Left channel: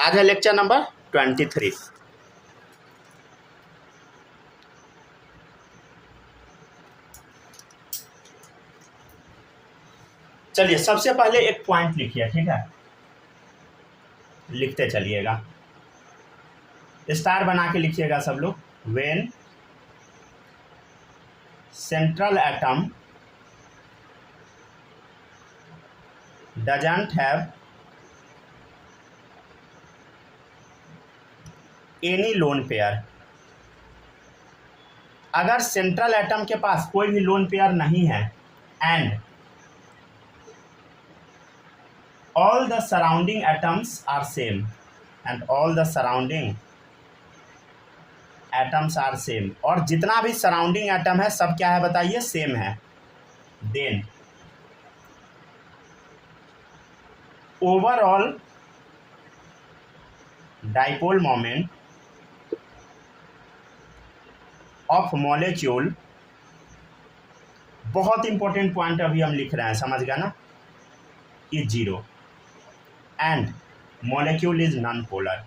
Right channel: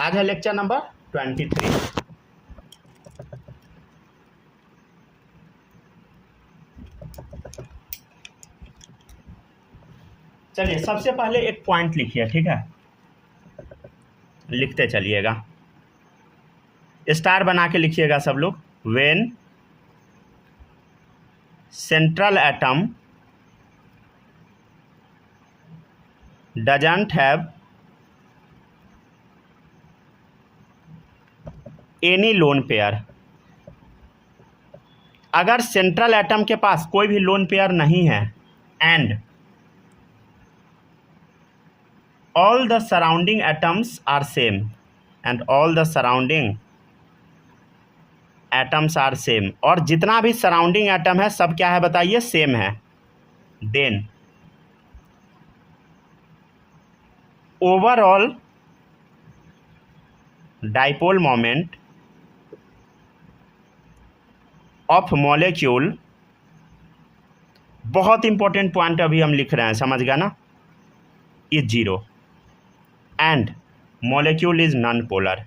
आज है lecture number 23। चलिए सबसे पहले एक पॉइंट लिखिए, ठीक है, लिखते चलिएगा, स्टार बना के लिखिएगा सब लोग। When central atom doesn't have any lone pair, अगर सेंट्रल एटम के पास कोई भी लोन पेयर नहीं है, and all the surrounding atoms are same, and all the surrounding atoms are same, और जितना भी सराउंडिंग एटम है सब क्या है बताइए, सेम है। Then overall dipole moment of molecule, बहुत इंपॉर्टेंट पॉइंट अभी हम लिख रहे हैं, समझ गया ना, is zero and molecule is non polar.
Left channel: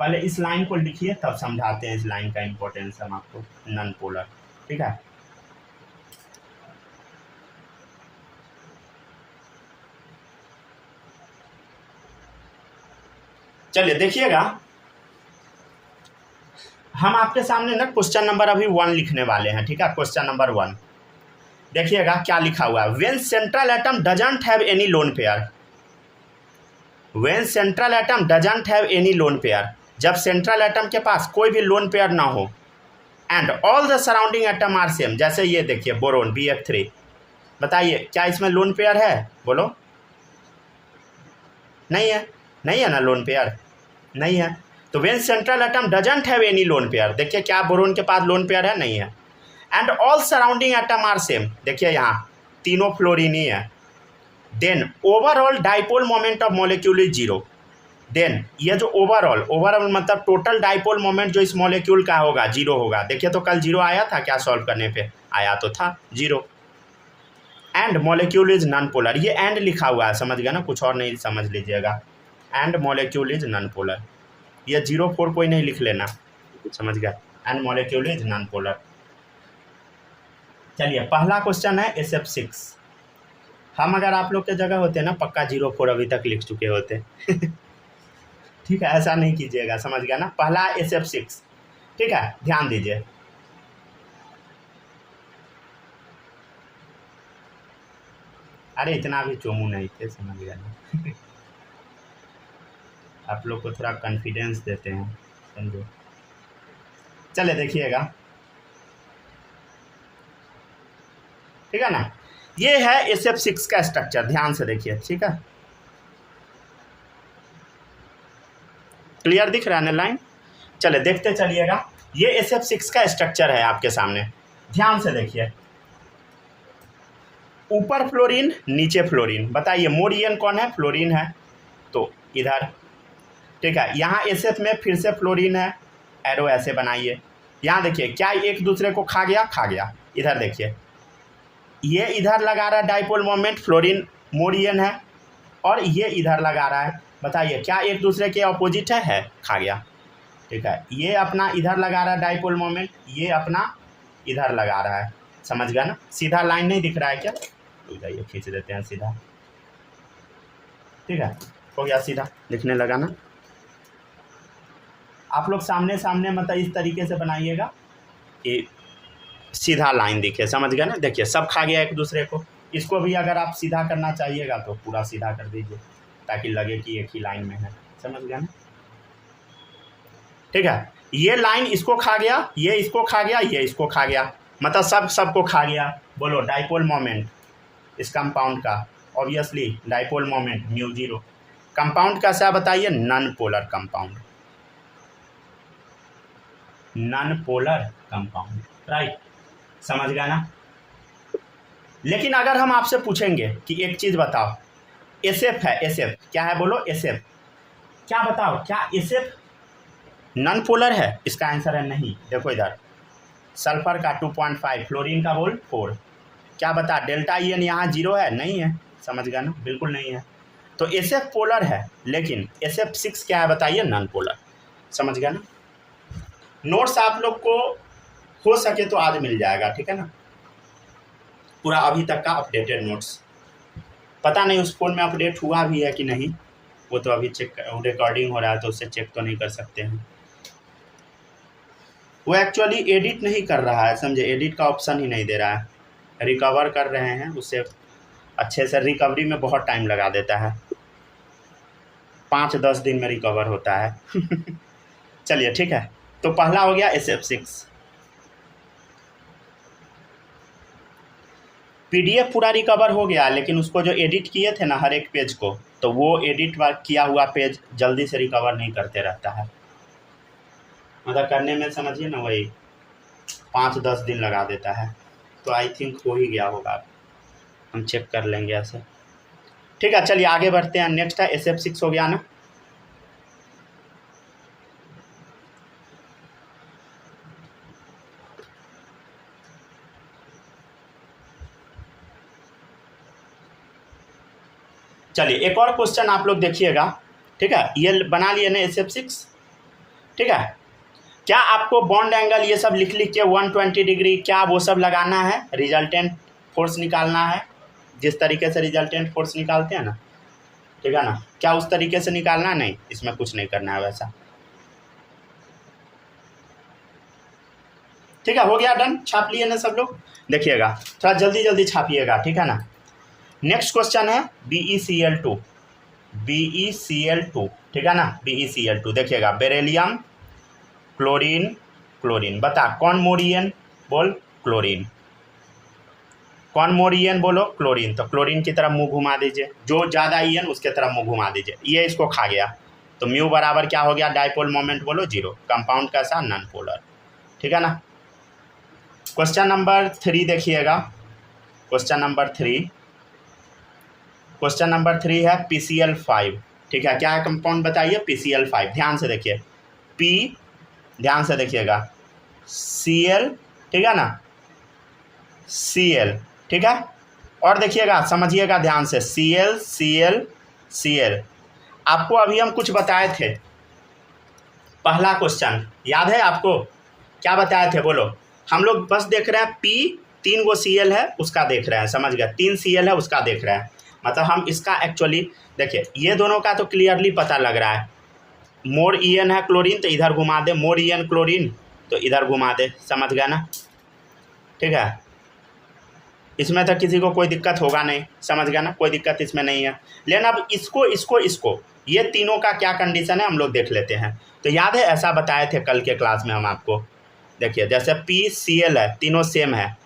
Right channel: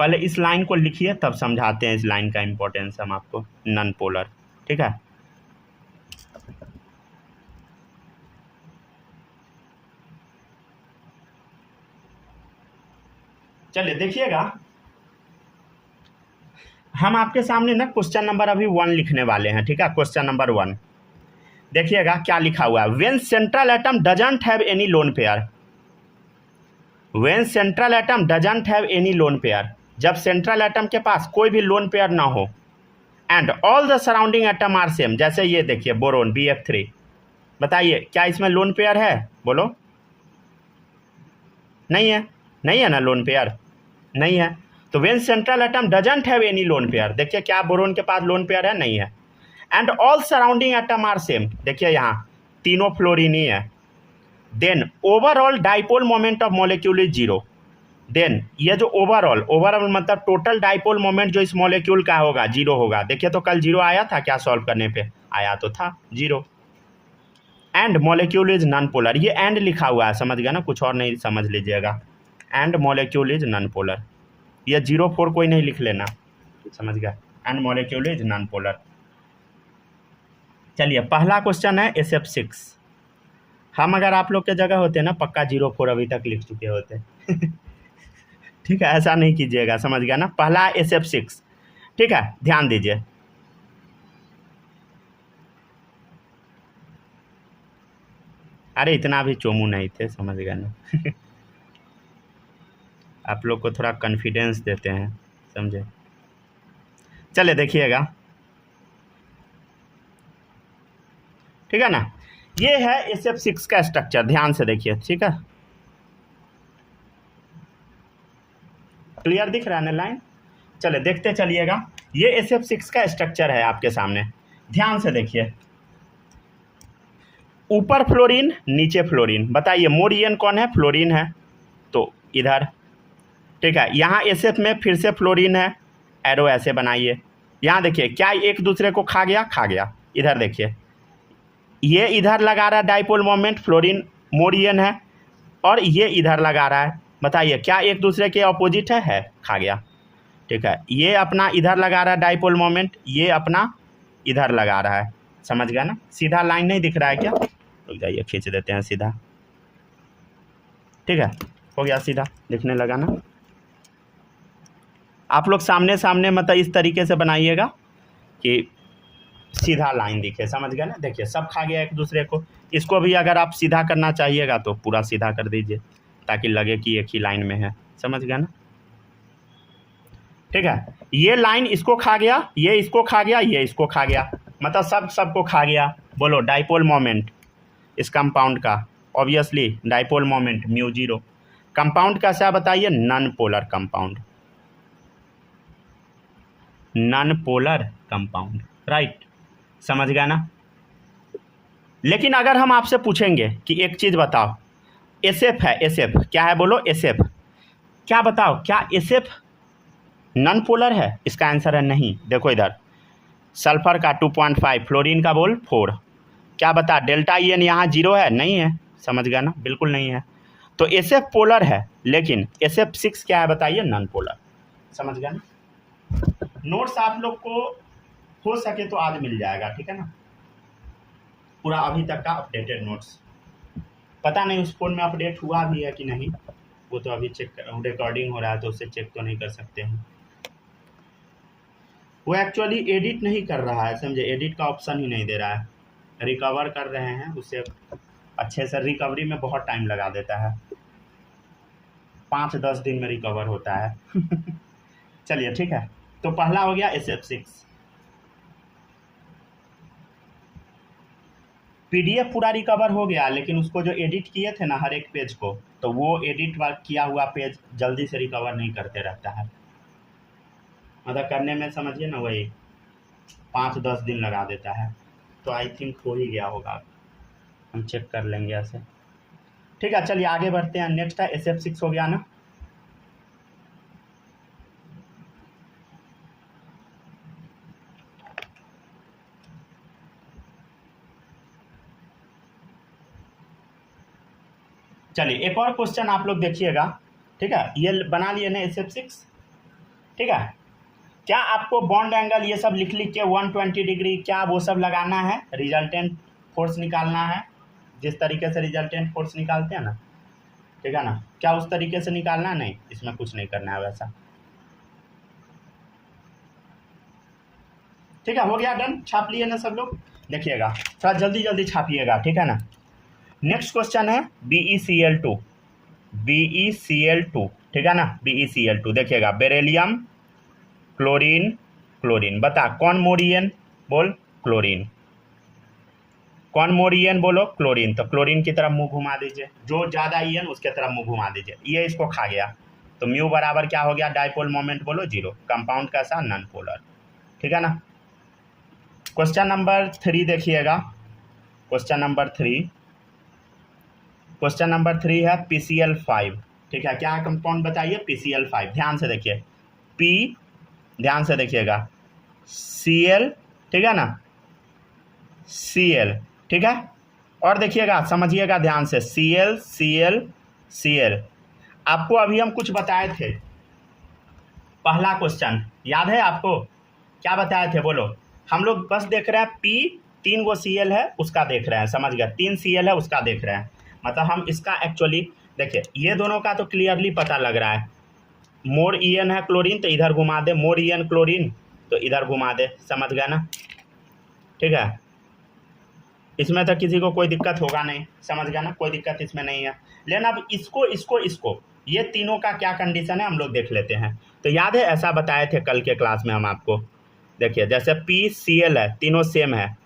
पहले इस लाइन को लिखिए तब समझाते हैं इस लाइन का इंपॉर्टेंस हम आपको, नॉन पोलर, ठीक है। चलिए देखिएगा, हम आपके सामने ना क्वेश्चन नंबर अभी 1 लिखने वाले हैं, ठीक है। क्वेश्चन नंबर 1 देखिएगा क्या लिखा हुआ है। When central atom doesn't have any lone pair, when central atom doesn't have any lone pair, जब सेंट्रल एटम के पास कोई भी लोन पेयर ना हो, and all the surrounding atom are same, जैसे ये देखिए बोरोन BF3, बताइए क्या इसमें लोन पेयर है, बोलो। नहीं है, नहीं है ना लोन पेयर, नहीं है। तो when central atom doesn't have any lone pair, देखिए क्या बोरोन के पास लोन पेयर है, नहीं है। And all surrounding atom are same, देखिए यहाँ तीनों फ्लोरीन ही है। Then overall dipole moment of molecule is zero, then ये जो ओवरऑल मतलब टोटल डाइपोल मोमेंट जो इस मॉलिक्यूल का होगा जीरो होगा। देखिए तो कल जीरो आया था क्या, सॉल्व करने पे आया तो था zero. And molecule is non polar, ये एंड लिखा हुआ है, समझ गया ना, कुछ और नहीं समझ लीजिएगा। And molecule is non polar, ये 0-4 कोई नहीं लिख लेना, समझ गया। And molecule is non polar. चलिए पहला क्वेश्चन है SF6। हम अगर आप लोग के जगह होते ना पक्का 0-4 अभी तक लिख चुके होते ठीक है, ऐसा नहीं कीजिएगा, समझ गया ना। पहला SF6, ठीक है, ध्यान दीजिए। अरे इतना भी चोमू नहीं थे, समझ गया ना आप लोग को थोड़ा कॉन्फिडेंस देते हैं, समझे। चलिए देखिएगा, ठीक है ना, ये है SF6 का स्ट्रक्चर, ध्यान से देखिए, ठीक है। क्लियर दिख रहा है ना लाइन। चले देखते चलिएगा, ये SF6 का स्ट्रक्चर है आपके सामने, ध्यान से देखिए। ऊपर फ्लोरीन नीचे फ्लोरीन, बताइए मोरियन कौन है, फ्लोरीन है, तो इधर, ठीक है। यहाँ SF में फिर से फ्लोरीन है, एरो ऐसे बनाइए। यहाँ देखिए क्या एक दूसरे को खा गया, इधर देखिए ये इधर लगा रहा है डाइपोल मोमेंट, फ्लोरीन मोरियन है, और ये इधर लगा रहा है, बताइए क्या एक दूसरे के अपोजिट है, खा गया, ठीक है। ये अपना इधर लगा रहा है डाइपोल मोमेंट, ये अपना इधर लगा रहा है, समझ गया ना। सीधा लाइन नहीं दिख रहा है क्या, रुक जाइए खींच देते हैं सीधा, ठीक है, हो गया सीधा दिखने लगा ना। आप लोग सामने सामने मतलब इस तरीके से बनाइएगा कि सीधा लाइन दिखे, समझ गया ना। देखिए सब खा गया एक दूसरे को, इसको भी अगर आप सीधा करना चाहिएगा तो पूरा सीधा कर दीजिए ताकि लगे कि एक ही लाइन में है, समझ गया ना, ठीक है। ये लाइन इसको खा गया, ये इसको खा गया, ये इसको खा गया, मतलब सबको खा गया। बोलो डाइपोल मोमेंट इस कंपाउंड का, ऑब्वियसली डाइपोल मोमेंट μ0। कंपाउंड कैसा बताइए, non polar compound, non polar compound, right, समझ गया ना। लेकिन अगर हम आपसे पूछेंगे कि एक चीज़ बताओ, SF है, SF क्या है बोलो, SF क्या बताओ, क्या SF नॉन पोलर है, इसका आंसर है नहीं। देखो इधर सल्फर का 2.5, फ्लोरीन का बोल 4, क्या बता डेल्टा EN यहाँ 0 है, नहीं है, समझ गया ना, बिल्कुल नहीं है। तो SF पोलर है, लेकिन SF6 क्या है बताइए, नॉन पोलर। समझ गया ना। नोट्स आप लोग को हो सके तो आज मिल जाएगा, ठीक है ना, पूरा अभी तक का अपडेटेड नोट्स। पता नहीं उस फ़ोन में अपडेट हुआ भी है कि नहीं, वो तो अभी चेक, रिकॉर्डिंग हो रहा है तो उससे चेक तो नहीं कर सकते हैं। वो एक्चुअली एडिट नहीं कर रहा है, समझे, एडिट का ऑप्शन ही नहीं दे रहा है। रिकवर कर रहे हैं, उससे अच्छे से रिकवरी में बहुत टाइम लगा देता है, 5-10 दिन में रिकवर होता है। चलिए ठीक है, तो पहला हो गया SF6। PDF पूरा रिकवर हो गया, लेकिन उसको जो एडिट किए थे ना हर एक पेज को, तो वो एडिट किया हुआ पेज जल्दी से रिकवर नहीं करते रहता है, मतलब करने में समझिए ना वही 5-10 दिन लगा देता है। तो आई थिंक हो ही गया होगा, हम चेक कर लेंगे ऐसे। ठीक है, चलिए आगे बढ़ते हैं। नेक्स्ट है SF6 हो गया ना। चलिए एक और क्वेश्चन आप लोग देखिएगा, ठीक है, ये बना लिए ना SF6, ठीक है। क्या आपको बॉन्ड एंगल ये सब लिख के 120 डिग्री क्या वो सब लगाना है, रिजल्टेंट फोर्स निकालना है, जिस तरीके से रिजल्टेंट फोर्स निकालते हैं ना, ठीक है ना, क्या उस तरीके से निकालना? नहीं, इसमें कुछ नहीं करना है वैसा। ठीक है, हो गया, डन। छाप लिए ना सब लोग, देखिएगा थोड़ा जल्दी जल्दी छापिएगा, ठीक है ना। नेक्स्ट क्वेश्चन है BeCl2, BeCl2, ठीक है ना, BeCl2 देखिएगा, बेरिलियम, क्लोरीन, क्लोरीन, बता कौन मोर ईएन, बोल क्लोरीन, कौन मोर ईएन, बोलो क्लोरीन। तो क्लोरीन की तरफ मुंह घुमा दीजिए, जो ज़्यादा ईएन उसके तरफ मुंह घुमा दीजिए, ये इसको खा गया, तो म्यू बराबर क्या हो गया, डाइपोल मोमेंट बोलो 0, कंपाउंड कैसा, नॉन पोलर, ठीक है ना। क्वेश्चन नंबर 3 देखिएगा, क्वेश्चन नंबर 3, क्वेश्चन नंबर 3 है PCl5, ठीक है, क्या है कंपाउंड बताइए, PCl5। ध्यान से देखिए, P, ध्यान से देखिएगा, Cl, ठीक है ना, Cl, ठीक है, और देखिएगा समझिएगा ध्यान से, Cl, Cl, Cl। आपको अभी हम कुछ बताए थे, पहला क्वेश्चन याद है आपको, क्या बताए थे बोलो। हम लोग बस देख रहे हैं P, 3 गो Cl है उसका देख रहे हैं, समझ गया, 3 Cl है उसका देख रहे हैं, मतलब हम इसका एक्चुअली देखिए, ये दोनों का तो क्लियरली पता लग रहा है, मोर ईएन है क्लोरीन तो इधर घुमा दे, मोर ईएन क्लोरीन तो इधर घुमा दे, समझ गया ना, ठीक है, इसमें तो किसी को कोई दिक्कत होगा नहीं, समझ गया ना, कोई दिक्कत इसमें नहीं है। लेकिन अब इसको ये तीनों का क्या कंडीशन है हम लोग देख लेते हैं। तो याद है ऐसा बताए थे कल के क्लास में हम आपको, देखिए जैसे PCl है, तीनों सेम है,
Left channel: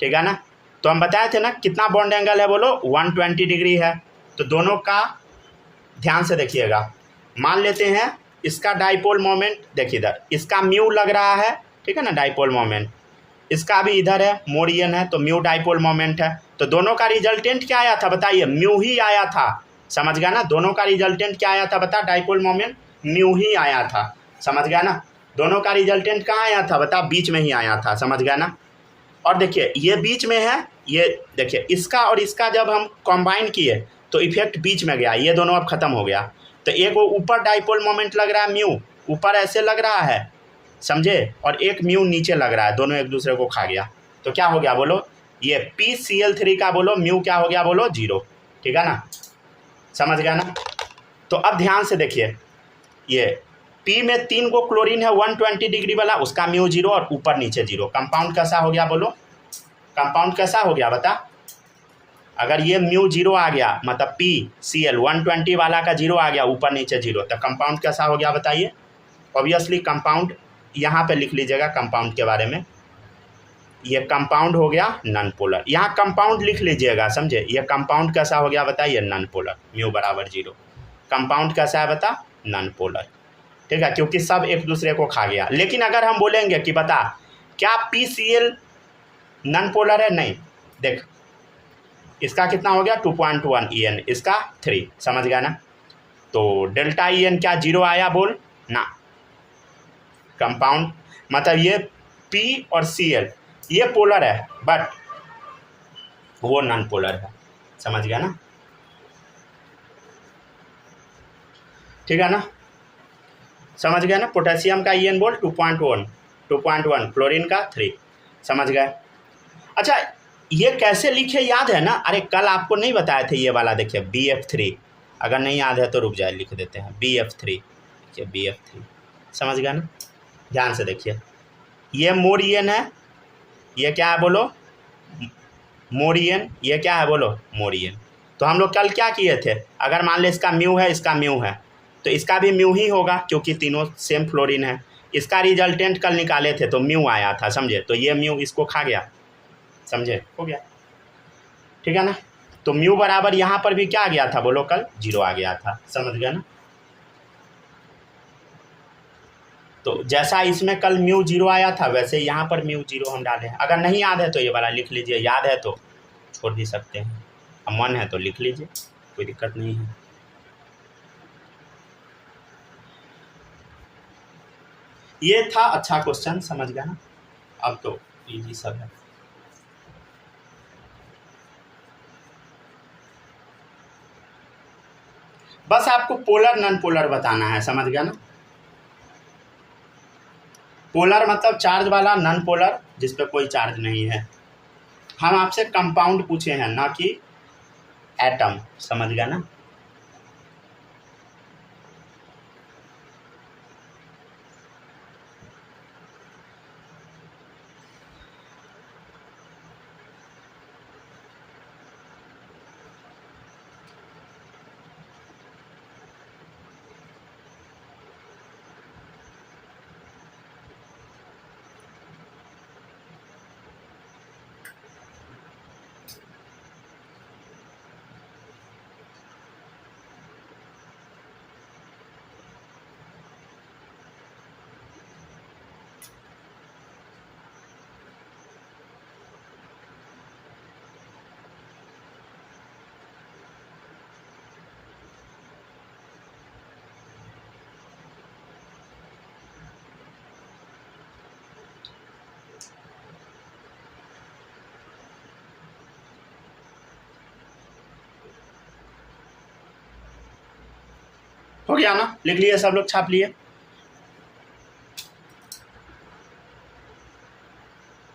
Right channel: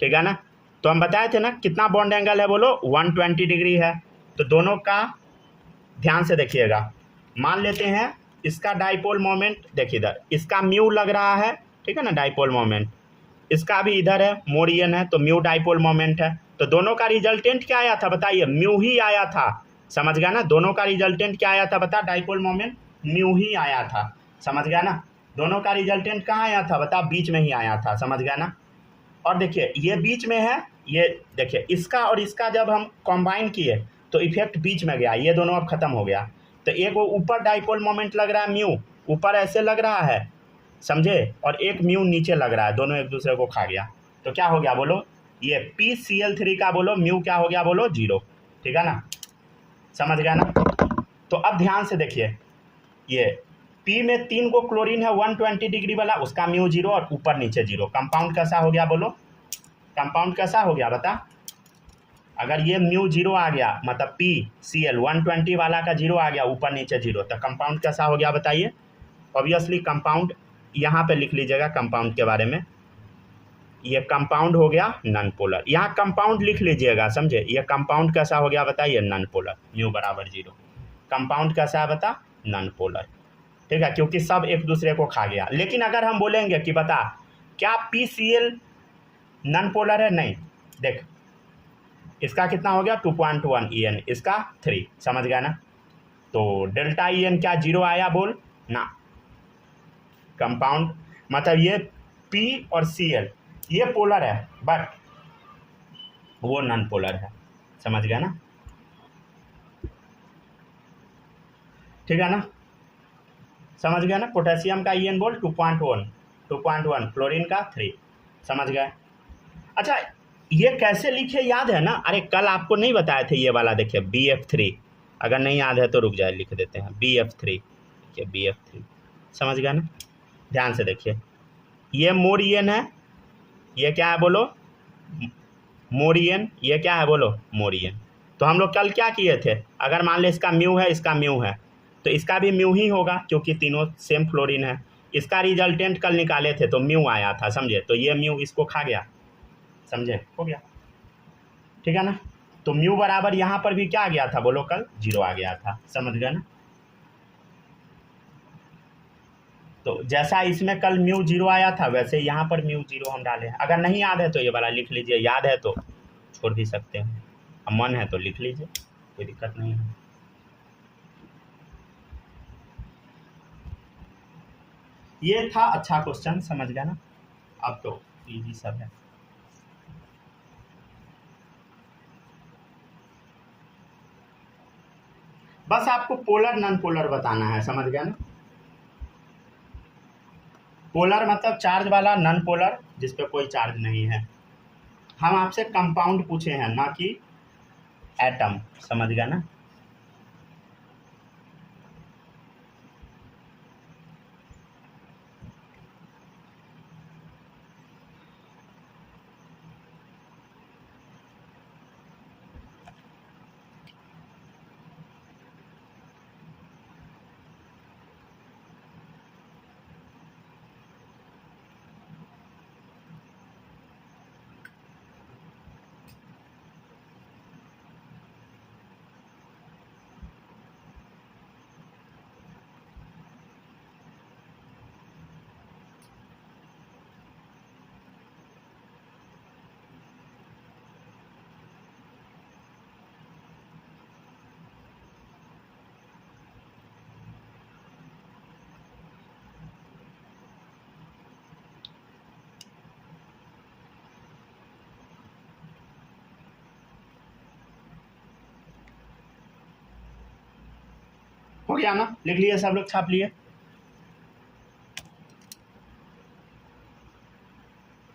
ठीक है ना, तो हम बताए थे ना कितना बॉन्ड एंगल है बोलो, 120 डिग्री है। तो दोनों का ध्यान से देखिएगा, मान लेते हैं इसका डाइपोल मोमेंट, देखिए इधर इसका म्यू लग रहा है, ठीक है ना, डाइपोल मोमेंट, इसका भी इधर है, मोर ईएन है, तो म्यू डाइपोल मोमेंट है। तो दोनों का रिजल्टेंट क्या आया था बताइए, म्यू ही आया था, समझ गया ना, दोनों का रिजल्टेंट क्या आया था बता, डाइपोल मोमेंट म्यू ही आया था, समझ गया ना। दोनों का रिजल्टेंट कहाँ आया था बता, बीच में ही आया था, समझ गया ना। और देखिए ये बीच में है, ये देखिए इसका और इसका जब हम कंबाइन किए तो इफेक्ट बीच में गया, ये दोनों अब खत्म हो गया। तो एक वो ऊपर डाइपोल मोमेंट लग रहा है, म्यू ऊपर ऐसे लग रहा है, समझे, और एक म्यू नीचे लग रहा है, दोनों एक दूसरे को खा गया। तो क्या हो गया बोलो, ये PCl3 का बोलो म्यू क्या हो गया बोलो, 0, ठीक है ना, समझ गया ना। तो अब ध्यान से देखिए, ये P में 3 गो क्लोरीन है 120 डिग्री वाला, उसका म्यू 0 और ऊपर नीचे 0, कंपाउंड कैसा हो गया बोलो, कंपाउंड कैसा हो गया बता। अगर ये म्यू 0 आ गया मतलब PCl 120 वाला का 0 आ गया, ऊपर नीचे 0, तो कंपाउंड कैसा हो गया बताइए। ऑब्वियसली कंपाउंड यहाँ पे लिख लीजिएगा, कंपाउंड के बारे में, ये कंपाउंड हो गया नॉन पोलर, यहाँ कंपाउंड लिख लीजिएगा, समझे, ये कंपाउंड कैसा हो गया बताइए, नॉन पोलर, म्यू बराबर 0, कंपाउंड कैसा है बता, नॉन पोलर, ठीक है, क्योंकि सब एक दूसरे को खा गया। लेकिन अगर हम बोलेंगे कि बता क्या PCl नॉन पोलर है, नहीं, देख इसका कितना हो गया 2.1 EN, इसका 3, समझ गया ना। तो डेल्टा EN क्या 0 आया बोल ना, कंपाउंड मतलब ये P और Cl ये पोलर है बट वो नॉन पोलर है, समझ गया ना। ठीक है ना, समझ गए ना। पोटेशियम का EN बोल 2.1, क्लोरीन का 3, समझ गए। अच्छा ये कैसे लिखे याद है ना, अरे कल आपको नहीं बताए थे ये वाला, देखिए BF3, अगर नहीं याद है तो रुक जाए लिख देते हैं BF3, देखिए BF3, समझ गए ना, ध्यान से देखिए, ये मोर EN है, ये क्या है बोलो, मोर EN, ये क्या है बोलो, मोर EN। तो हम लोग कल क्या किए थे, अगर मान ले इसका म्यू है, इसका म्यू है, तो इसका भी म्यू ही होगा क्योंकि तीनों सेम फ्लोरीन है। इसका रिजल्टेंट कल निकाले थे तो म्यू आया था, समझे, तो ये म्यू इसको खा गया, समझे, हो गया, ठीक है ना। तो म्यू बराबर यहाँ पर भी क्या आ गया था बोलो, कल 0 आ गया था, समझ गए ना। तो जैसा इसमें कल म्यू 0 आया था वैसे यहाँ पर म्यू 0 हम डाले हैं। अगर नहीं याद है तो ये वाला लिख लीजिए, याद है तो छोड़ भी सकते हैं, अब मन है तो लिख लीजिए, कोई दिक्कत नहीं है। ये था अच्छा क्वेश्चन, समझ गया ना, अब तो इजी सब है। बस आपको पोलर नॉन पोलर बताना है, समझ गया ना। पोलर मतलब चार्ज वाला, नॉन पोलर जिस पे कोई चार्ज नहीं है। हम आपसे कंपाउंड पूछे हैं ना कि एटम, समझ गया ना। हो गया ना, लिख लिए सब लोग, छाप लिए।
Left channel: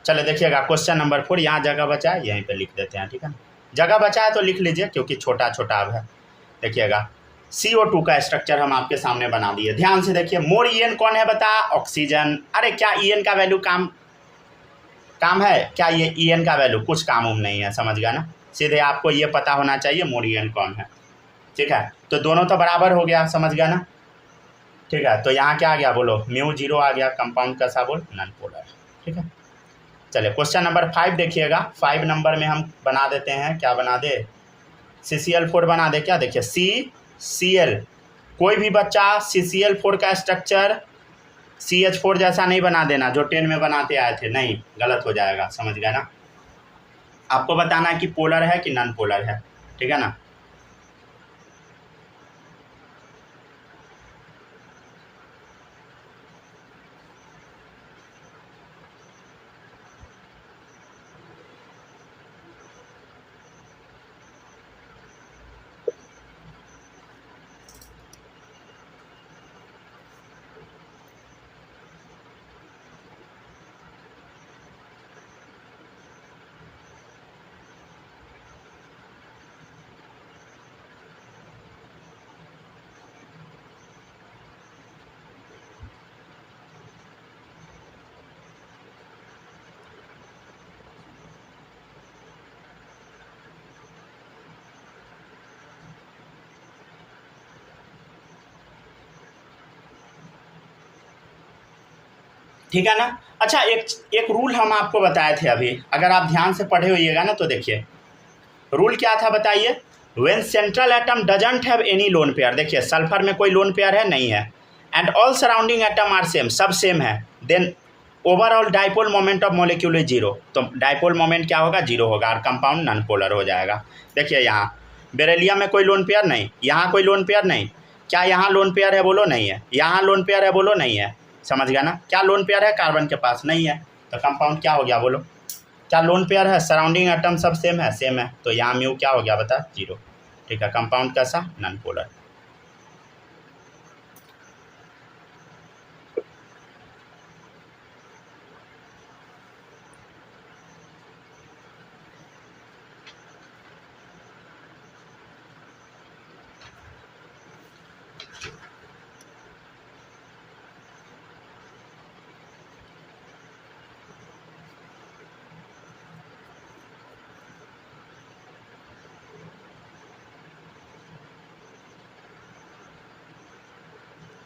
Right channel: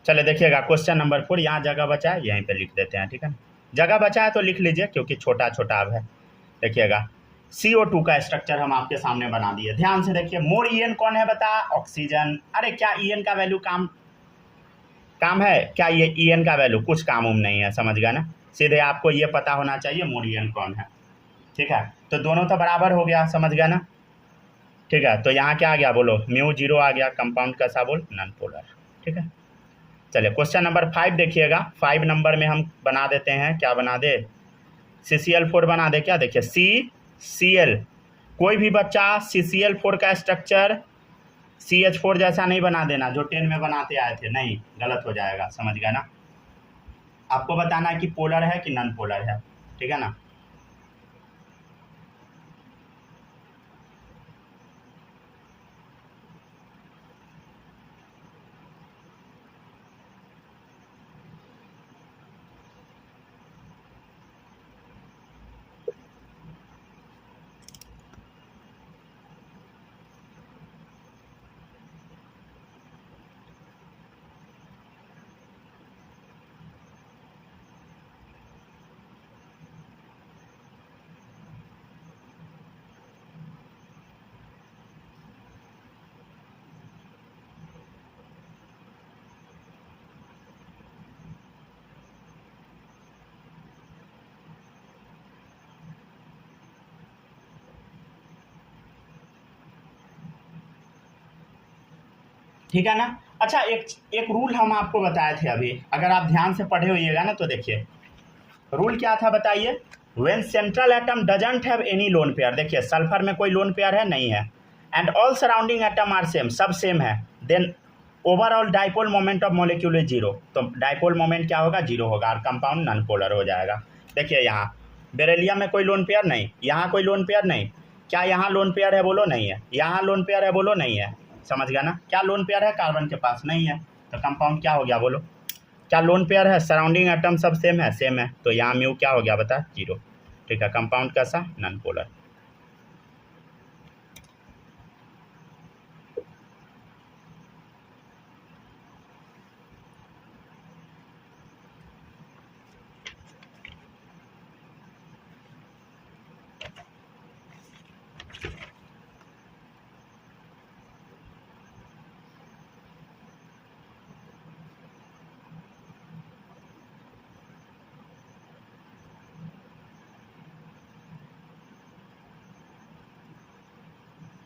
चलो देखिएगा क्वेश्चन नंबर 4, यहाँ जगह बचा है यहीं पे लिख देते हैं, ठीक है ना। जगह बचा है तो लिख लीजिए क्योंकि छोटा छोटा अब है। देखिएगा CO2 का स्ट्रक्चर हम आपके सामने बना दिए, ध्यान से देखिए। मोर EN कौन है बता, ऑक्सीजन। अरे क्या EN का वैल्यू काम है क्या, ये EN का वैल्यू कुछ काम नहीं है, समझ गया ना। सीधे आपको ये पता होना चाहिए मोर EN कौन है, ठीक है। तो दोनों तो बराबर हो गया, समझ गया ना, ठीक है। तो यहाँ क्या आ गया बोलो, म्यू 0 आ गया, कंपाउंड कैसा बोल, नॉन पोलर, ठीक है। चलिए क्वेश्चन नंबर 5 देखिएगा। 5 नंबर में हम बना देते हैं, क्या बना दे, CCl4 बना दे क्या, देखिए CCl, कोई भी बच्चा CCl4 का स्ट्रक्चर CH4 जैसा नहीं बना देना जो 10 में बनाते आए थे, नहीं, गलत हो जाएगा, समझ गया ना। आपको बताना है कि पोलर है कि नॉन पोलर है, ठीक है ना। ठीक है ना। अच्छा एक रूल हम आपको बताए थे अभी, अगर आप ध्यान से पढ़े होइएगा ना तो देखिए रूल क्या था बताइए। When central atom doesn't have any lone pair, देखिए सल्फर में कोई लोन पेयर है नहीं है, and all surrounding atom are same, सब सेम है, then overall dipole moment of molecule is 0, तो डाइपोल मोमेंट क्या होगा, 0 होगा और कंपाउंड नॉन पोलर हो जाएगा। देखिए यहाँ बेरेलियम में कोई लोन पेयर नहीं, यहाँ कोई लोन पेयर नहीं, क्या यहाँ लोन पेयर है बोलो, नहीं है, यहाँ लोन पेयर है बोलो, नहीं है, समझ गया ना। क्या लोन पेयर है, कार्बन के पास नहीं है, तो कंपाउंड क्या हो गया बोलो। क्या लोन पेयर है, सराउंडिंग एटम सब सेम है, तो यहाँ म्यू क्या हो गया बता, 0, ठीक है। कंपाउंड कैसा, नॉन पोलर।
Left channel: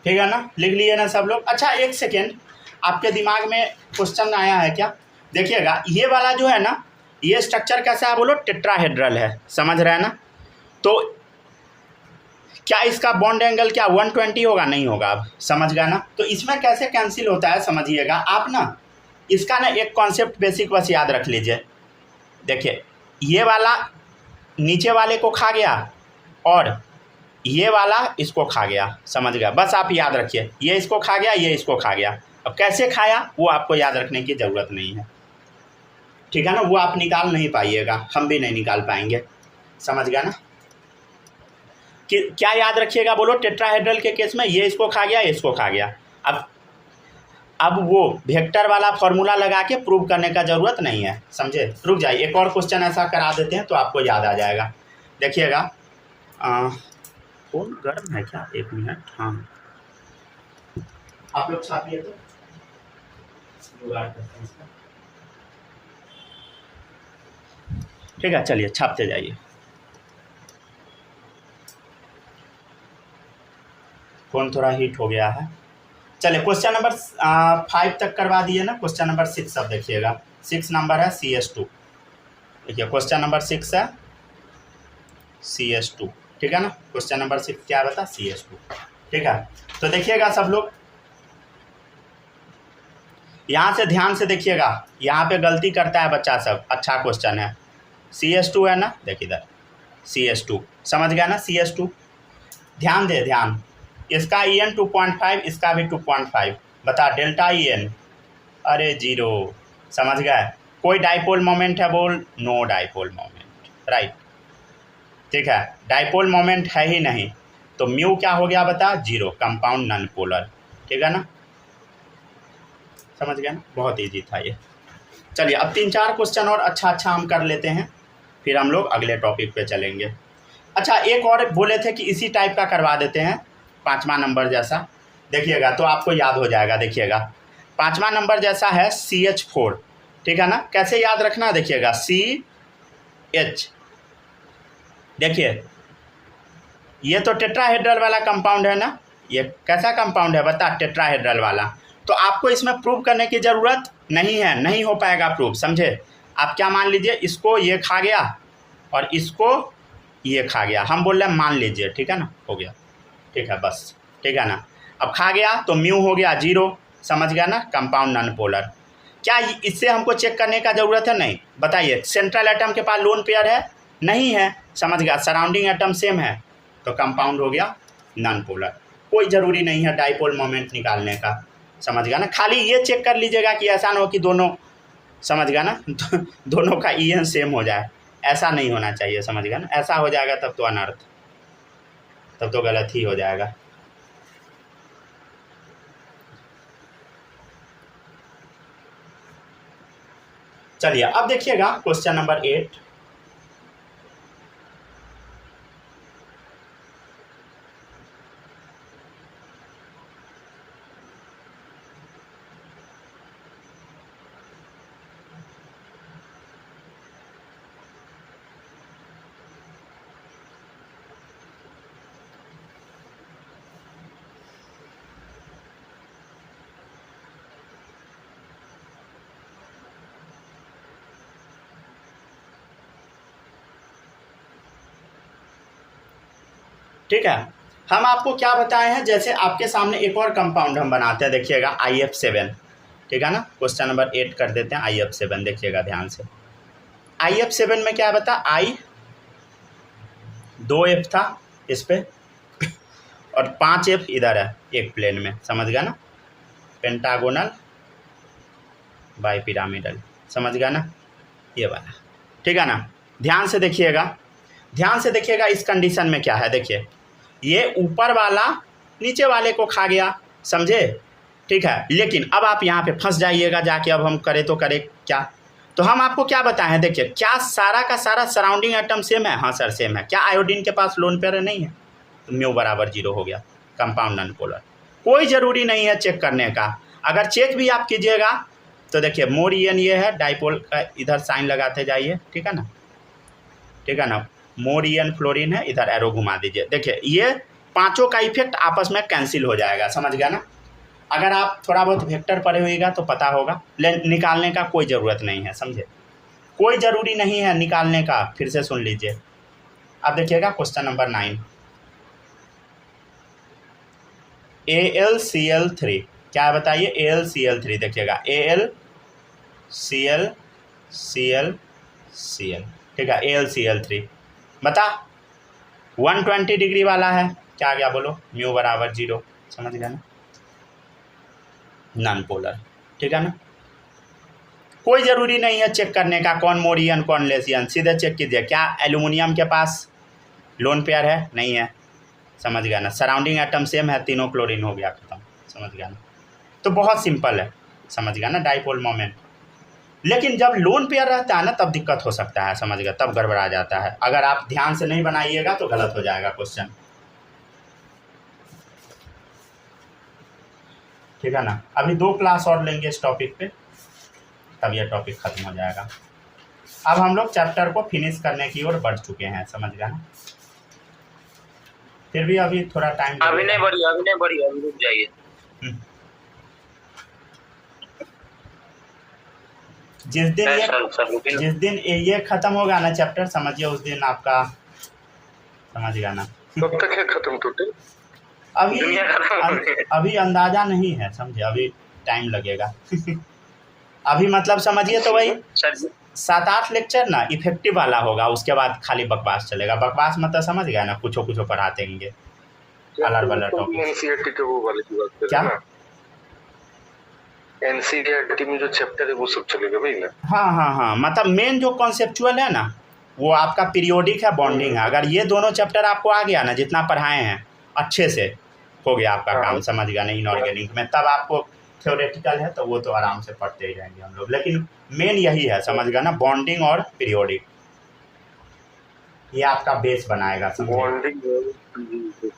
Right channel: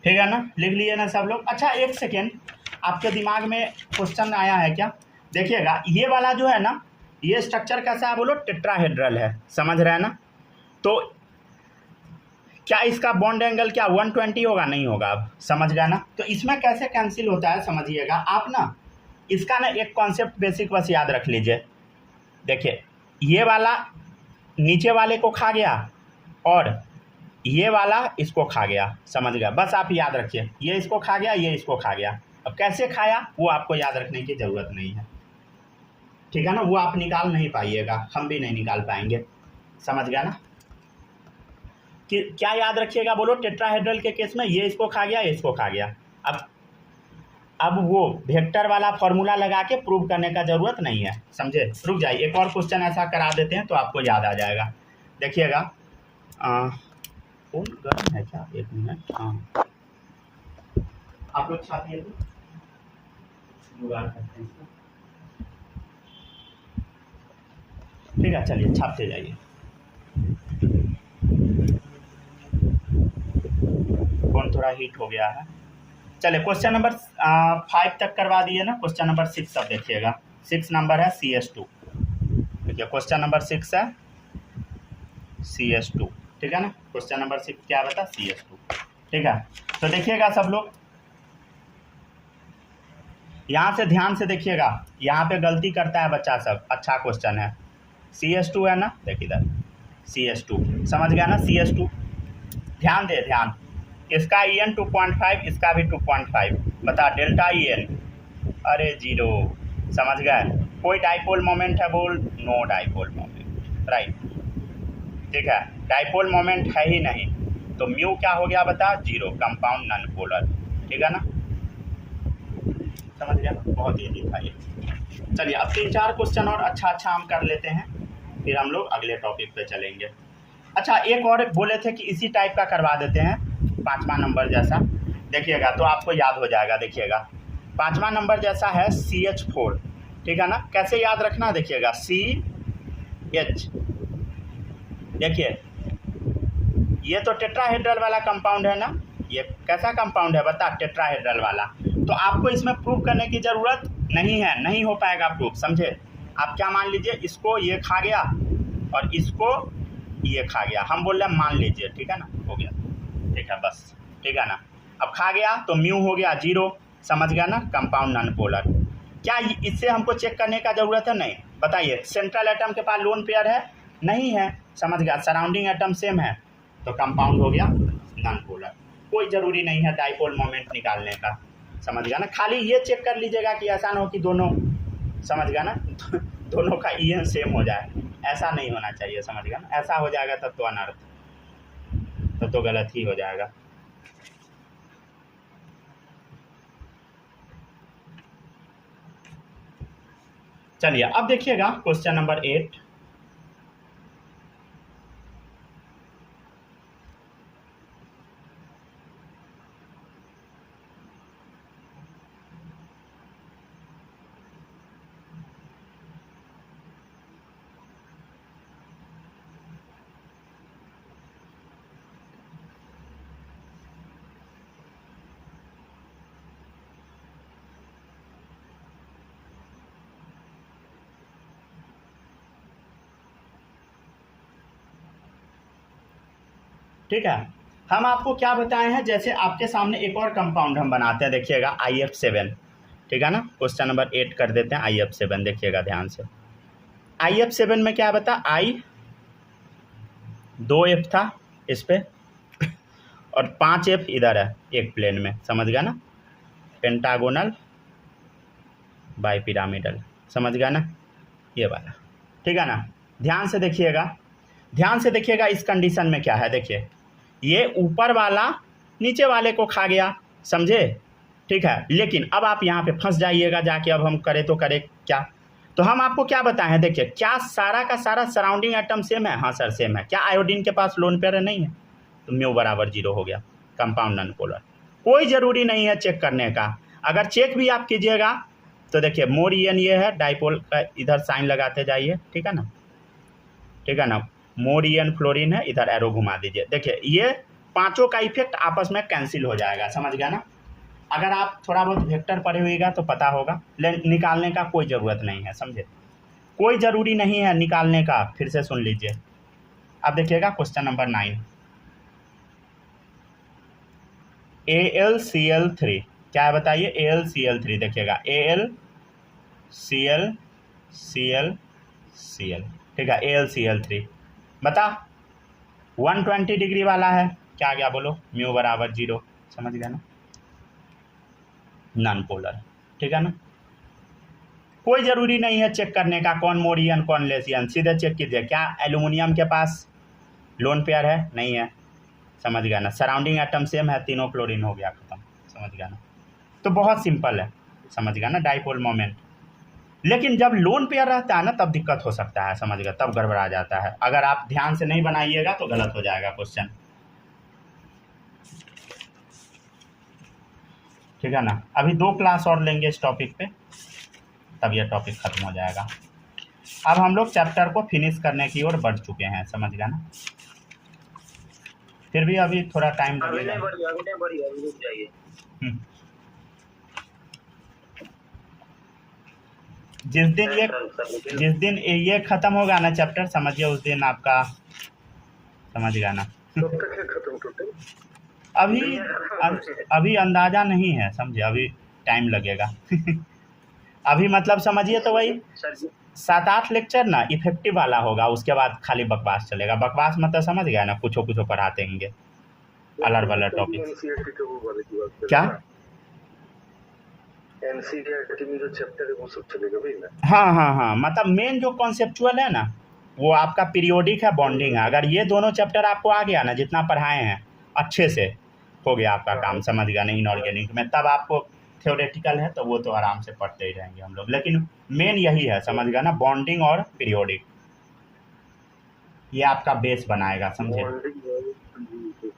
ठीक है ना, लिख लिए ना सब लोग। अच्छा एक सेकेंड, आपके दिमाग में क्वेश्चन आया है क्या? देखिएगा ये वाला जो है ना, ये स्ट्रक्चर कैसा है बोलो? टेट्राहेड्रल है, समझ रहे हैं ना? तो क्या इसका बॉन्ड एंगल क्या 120 होगा? नहीं होगा। अब समझ गया ना? तो इसमें कैसे कैंसिल होता है समझिएगा आप ना, इसका ना एक कॉन्सेप्ट बेसिक बस याद रख लीजिए। देखिए ये वाला नीचे वाले को खा गया और ये वाला इसको खा गया, समझ गया? बस आप याद रखिए, ये इसको खा गया, ये इसको खा गया। अब कैसे खाया वो आपको याद रखने की ज़रूरत नहीं है, ठीक है ना? वो आप निकाल नहीं पाइएगा, हम भी नहीं निकाल पाएंगे, समझ गया ना? कि क्या याद रखिएगा बोलो? टेट्राहेड्रल के केस में ये इसको खा गया, ये इसको खा गया। अब वो वेक्टर वाला फॉर्मूला लगा के प्रूव करने का ज़रूरत नहीं है, समझे? रुक जाइए, एक और क्वेश्चन ऐसा करा देते हैं तो आपको याद आ जाएगा। देखिएगा फोन गर्म है क्या? एक मिनट, हाँ आप लोग छापिए तो जुगाड़ करते हैं इसका। ठीक है चलिए छापते जाइए। फोन थोड़ा हीट हो गया है। चलिए क्वेश्चन नंबर 5 तक करवा दिए ना। क्वेश्चन नंबर 6 अब देखिएगा। 6 नंबर है CS2। देखिए क्वेश्चन नंबर 6 है CS2, ठीक है ना? क्वेश्चन नंबर 6 क्या बता? CS2, ठीक है? तो देखिएगा सब लोग, यहाँ से ध्यान से देखिएगा, यहाँ पे गलती करता है बच्चा सब। अच्छा क्वेश्चन है, CS2 है ना? देखिए इधर CS2, समझ गया ना? CS2 ध्यान दे, ध्यान। इसका EN 2.5, इसका भी 2.5, बता डेल्टा EN, अरे 0, समझ गए? कोई डाइपोल मोमेंट है बोल? नो डाइपोल मोमेंट, राइट, ठीक है? डाइपोल मोमेंट है ही नहीं, तो म्यू क्या हो गया बता? 0, कंपाउंड नॉन पोलर, ठीक है ना? समझ गया ना? बहुत ईजी था ये। चलिए अब 3-4 क्वेश्चन और अच्छा हम कर लेते हैं, फिर हम लोग अगले टॉपिक पे चलेंगे। अच्छा एक और बोले थे कि इसी टाइप का करवा देते हैं, 5वां नंबर जैसा। देखिएगा तो आपको याद हो जाएगा। देखिएगा 5वां नंबर जैसा है CH4, ठीक है ना? कैसे याद रखना? देखिएगा CH, देखिए ये तो टेट्राहेड्रल वाला कंपाउंड है ना? ये कैसा कंपाउंड है बता? टेट्राहेड्रल वाला। तो आपको इसमें प्रूव करने की ज़रूरत नहीं है, नहीं हो पाएगा प्रूव, समझे? आप क्या मान लीजिए, इसको ये खा गया और इसको ये खा गया, हम बोल रहे हैं मान लीजिए, ठीक है ना? हो गया, ठीक है बस, ठीक है ना? अब खा गया तो म्यू हो गया 0, समझ गया ना? Compound non polar. क्या इससे हमको चेक करने का ज़रूरत है? नहीं। बताइए सेंट्रल एटम के पास लोन पेयर है? नहीं है, समझ गया? सराउंडिंग एटम सेम है, तो कंपाउंड हो गया नॉन पोलर। कोई ज़रूरी नहीं है डाइपोल मोमेंट निकालने का, समझ गया ना? खाली ये चेक कर लीजिएगा कि ऐसा ना हो कि दोनों, समझ गया ना, दोनों का EN सेम हो जाए, ऐसा नहीं होना चाहिए, समझ गया ना? ऐसा हो जाएगा तब तो अनर्थ, तब तो गलत ही हो जाएगा। चलिए अब देखिएगा क्वेश्चन नंबर 8। ठीक है, हम आपको क्या बताए हैं, जैसे आपके सामने एक और कंपाउंड हम बनाते हैं। देखिएगा IF7, ठीक है ना? क्वेश्चन नंबर 8 कर देते हैं IF7। देखिएगा ध्यान से, IF7 में क्या बता? 2F था इस पे और 5F इधर है एक प्लेन में, समझ गया ना? पेंटागोनल बाइपिरामिडल, समझ गया ना? ये वाला, ठीक है ना? ध्यान से देखिएगा, ध्यान से देखिएगा इस कंडीशन में क्या है। देखिए ये ऊपर वाला नीचे वाले को खा गया, समझे? ठीक है, लेकिन अब आप यहाँ पे फंस जाइएगा जाके। अब हम करें तो करें क्या? तो हम आपको क्या बताएं हैं, देखिए क्या सारा का सारा सराउंडिंग एटम सेम है? हाँ सर सेम है। क्या आयोडीन के पास लोन पेयर नहीं है? तो म्यू बराबर 0 हो गया, कंपाउंड नॉन पोलर। कोई ज़रूरी नहीं है चेक करने का। अगर चेक भी आप कीजिएगा तो देखिए मोर EN ये है, डाइपोल का इधर साइन लगाते जाइए, ठीक है ना? ठीक है ना? मोर EN फ्लोरीन है, इधर एरो घुमा दीजिए। देखिए ये पांचों का इफेक्ट आपस में कैंसिल हो जाएगा, समझ गया ना। अगर आप थोड़ा बहुत वेक्टर पढ़े होइएगा तो पता होगा, निकालने का कोई ज़रूरत नहीं है, समझे, कोई ज़रूरी नहीं है निकालने का। फिर से सुन लीजिए, अब देखिएगा क्वेश्चन नंबर 9, AlCl3 क्या है बताइए, AlCl3 देखिएगा, AlCl Cl, ठीक है, AlCl3 बता 120 डिग्री वाला है, क्या गया बोलो, म्यू बराबर 0, समझ गया ना, नॉन पोलर, ठीक है ना। कोई ज़रूरी नहीं है चेक करने का कौन मोरियन कौन लेसियन, सीधे चेक कीजिए, क्या एल्यूमिनियम के पास लोन पेयर है, नहीं है, समझ गया ना, सराउंडिंग एटम सेम है, तीनों क्लोरीन हो गया खत्म, समझ गया ना। तो बहुत सिंपल है, समझ गया ना, डाइपोल मोमेंट। लेकिन जब लोन पेयर रहता है ना तब दिक्कत हो सकता है, समझ गया, तब गड़बड़ा जाता है। अगर आप ध्यान से नहीं बनाइएगा तो गलत हो जाएगा क्वेश्चन, ठीक है ना। अभी 2 क्लास और लेंगे इस टॉपिक पे, तब यह टॉपिक खत्म हो जाएगा। अब हम लोग चैप्टर को फिनिश करने की ओर बढ़ चुके हैं, समझ गया ना। फिर भी अभी थोड़ा टाइम, अभी नहीं बढ़ी, अभी रुक जाइए। जिस दिन ये खत्म होगा ना चैप्टर, समझिए उस दिन आपका, समझ गया ना। कब तक है खत्म टोटल? अभी अंदाजा नहीं है, समझे, अभी टाइम लगेगा। अभी मतलब समझिए तो वही 7-8 लेक्चर ना इफेक्टिव वाला होगा, उसके बाद खाली बकवास चलेगा। बकवास मतलब समझ गया ना, कुछ पढ़ाते होंगे अलग अलग टॉपिक। क्या एनसीईआरटी में जो चैप्टर है वो सब चलेगा भाई ना? हाँ, मतलब मेन जो कॉन्सेप्चुअल है ना वो आपका पीरियोडिक है, बॉन्डिंग है। अगर ये दोनों चैप्टर आपको आ गया ना, जितना पढ़ाए हैं अच्छे से, हो गया आपका काम, समझ गया ना। इनऑर्गेनिक में तब आपको थ्योरेटिकल है तो वो तो आराम से पढ़ते ही जाएंगे हम लोग, लेकिन मेन यही है, समझ गया ना, बॉन्डिंग और पीरियोडिक, ये आपका बेस बनाएगा, समझे।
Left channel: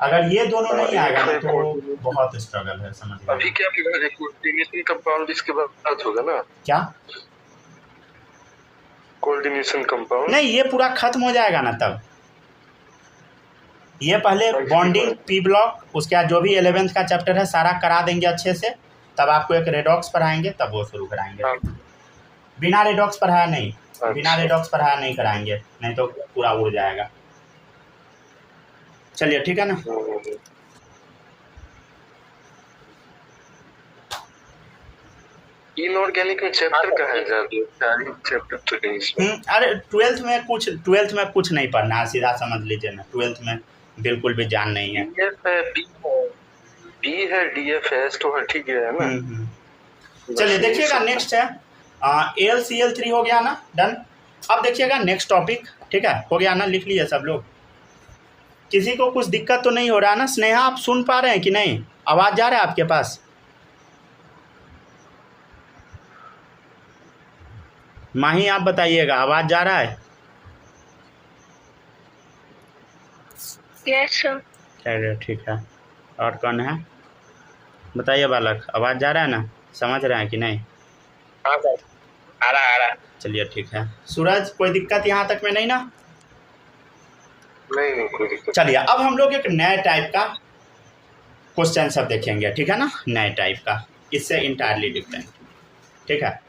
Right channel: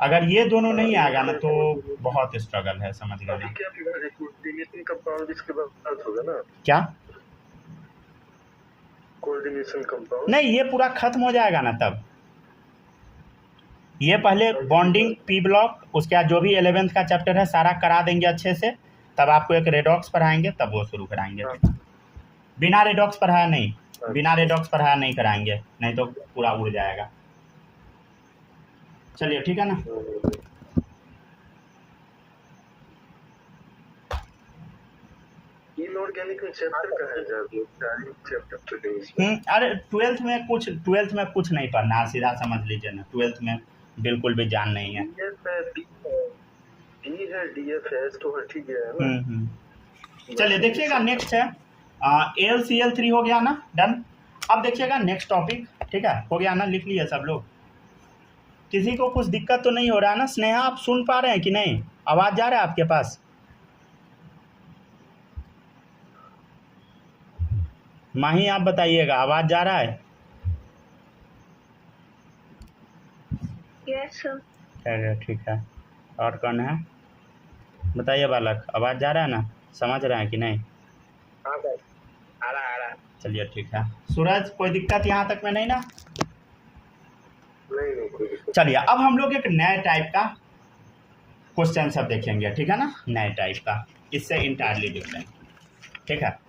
अगर ये दोनों नहीं आएगा ना तो बहुत स्ट्रगल है, समझ गया। अभी क्या कोऑर्डिनेशन कंपाउंड इसके बाद होगा ना? क्या कोऑर्डिनेशन कंपाउंड? नहीं, ये पूरा खत्म हो जाएगा ना तब। ये पहले बॉन्डिंग पी ब्लॉक, उसके बाद जो भी 11th का चैप्टर है सारा करा देंगे अच्छे से, तब आपको एक रेडॉक्स पढ़ाएंगे, तब वो शुरू कराएंगे। बिना रेडॉक्स पढ़ाया नहीं, बिना रेडॉक्स पढ़ाया नहीं कराएंगे, नहीं तो पूरा उड़ जाएगा। चलिए ठीक है ना। इनऑर्गेनिक में चैप्टर का है चैप्टर तो नहीं। अरे 12th में कुछ नहीं पढ़ना है, सीधा समझ लीजिए ना, 12th में बिल्कुल भी जान नहीं है। बी है, डीएफएस तो ठीक है ना। चलिए देखिएगा, नेक्स्ट है AlCl3 हो गया ना, डन। अब देखिएगा नेक्स्ट टॉपिक, ठीक है, हो गया ना, लिख लिए सब लोग। किसी को कुछ दिक्कत तो नहीं हो रहा ना? स्नेहा आप सुन पा रहे हैं कि नहीं? आवाज़ जा रहा है आपके पास? माही आप बताइएगा, आवाज़ जा रहा है? Yes sir. चलिए ठीक है। और कौन है बताइए बालक, आवाज़ जा रहा है ना, समझ रहे हैं कि नहीं? हाँ सर, आ रहा। चलिए ठीक है। सूरज कोई दिक्कत यहाँ तक में नहीं ना? नहीं कोई दिक्कत। चलिए अब हम लोग एक नए टाइप का क्वेश्चन सब देखेंगे, ठीक है ना, नए टाइप का, इससे इंटायरली डिफरेंट, ठीक है।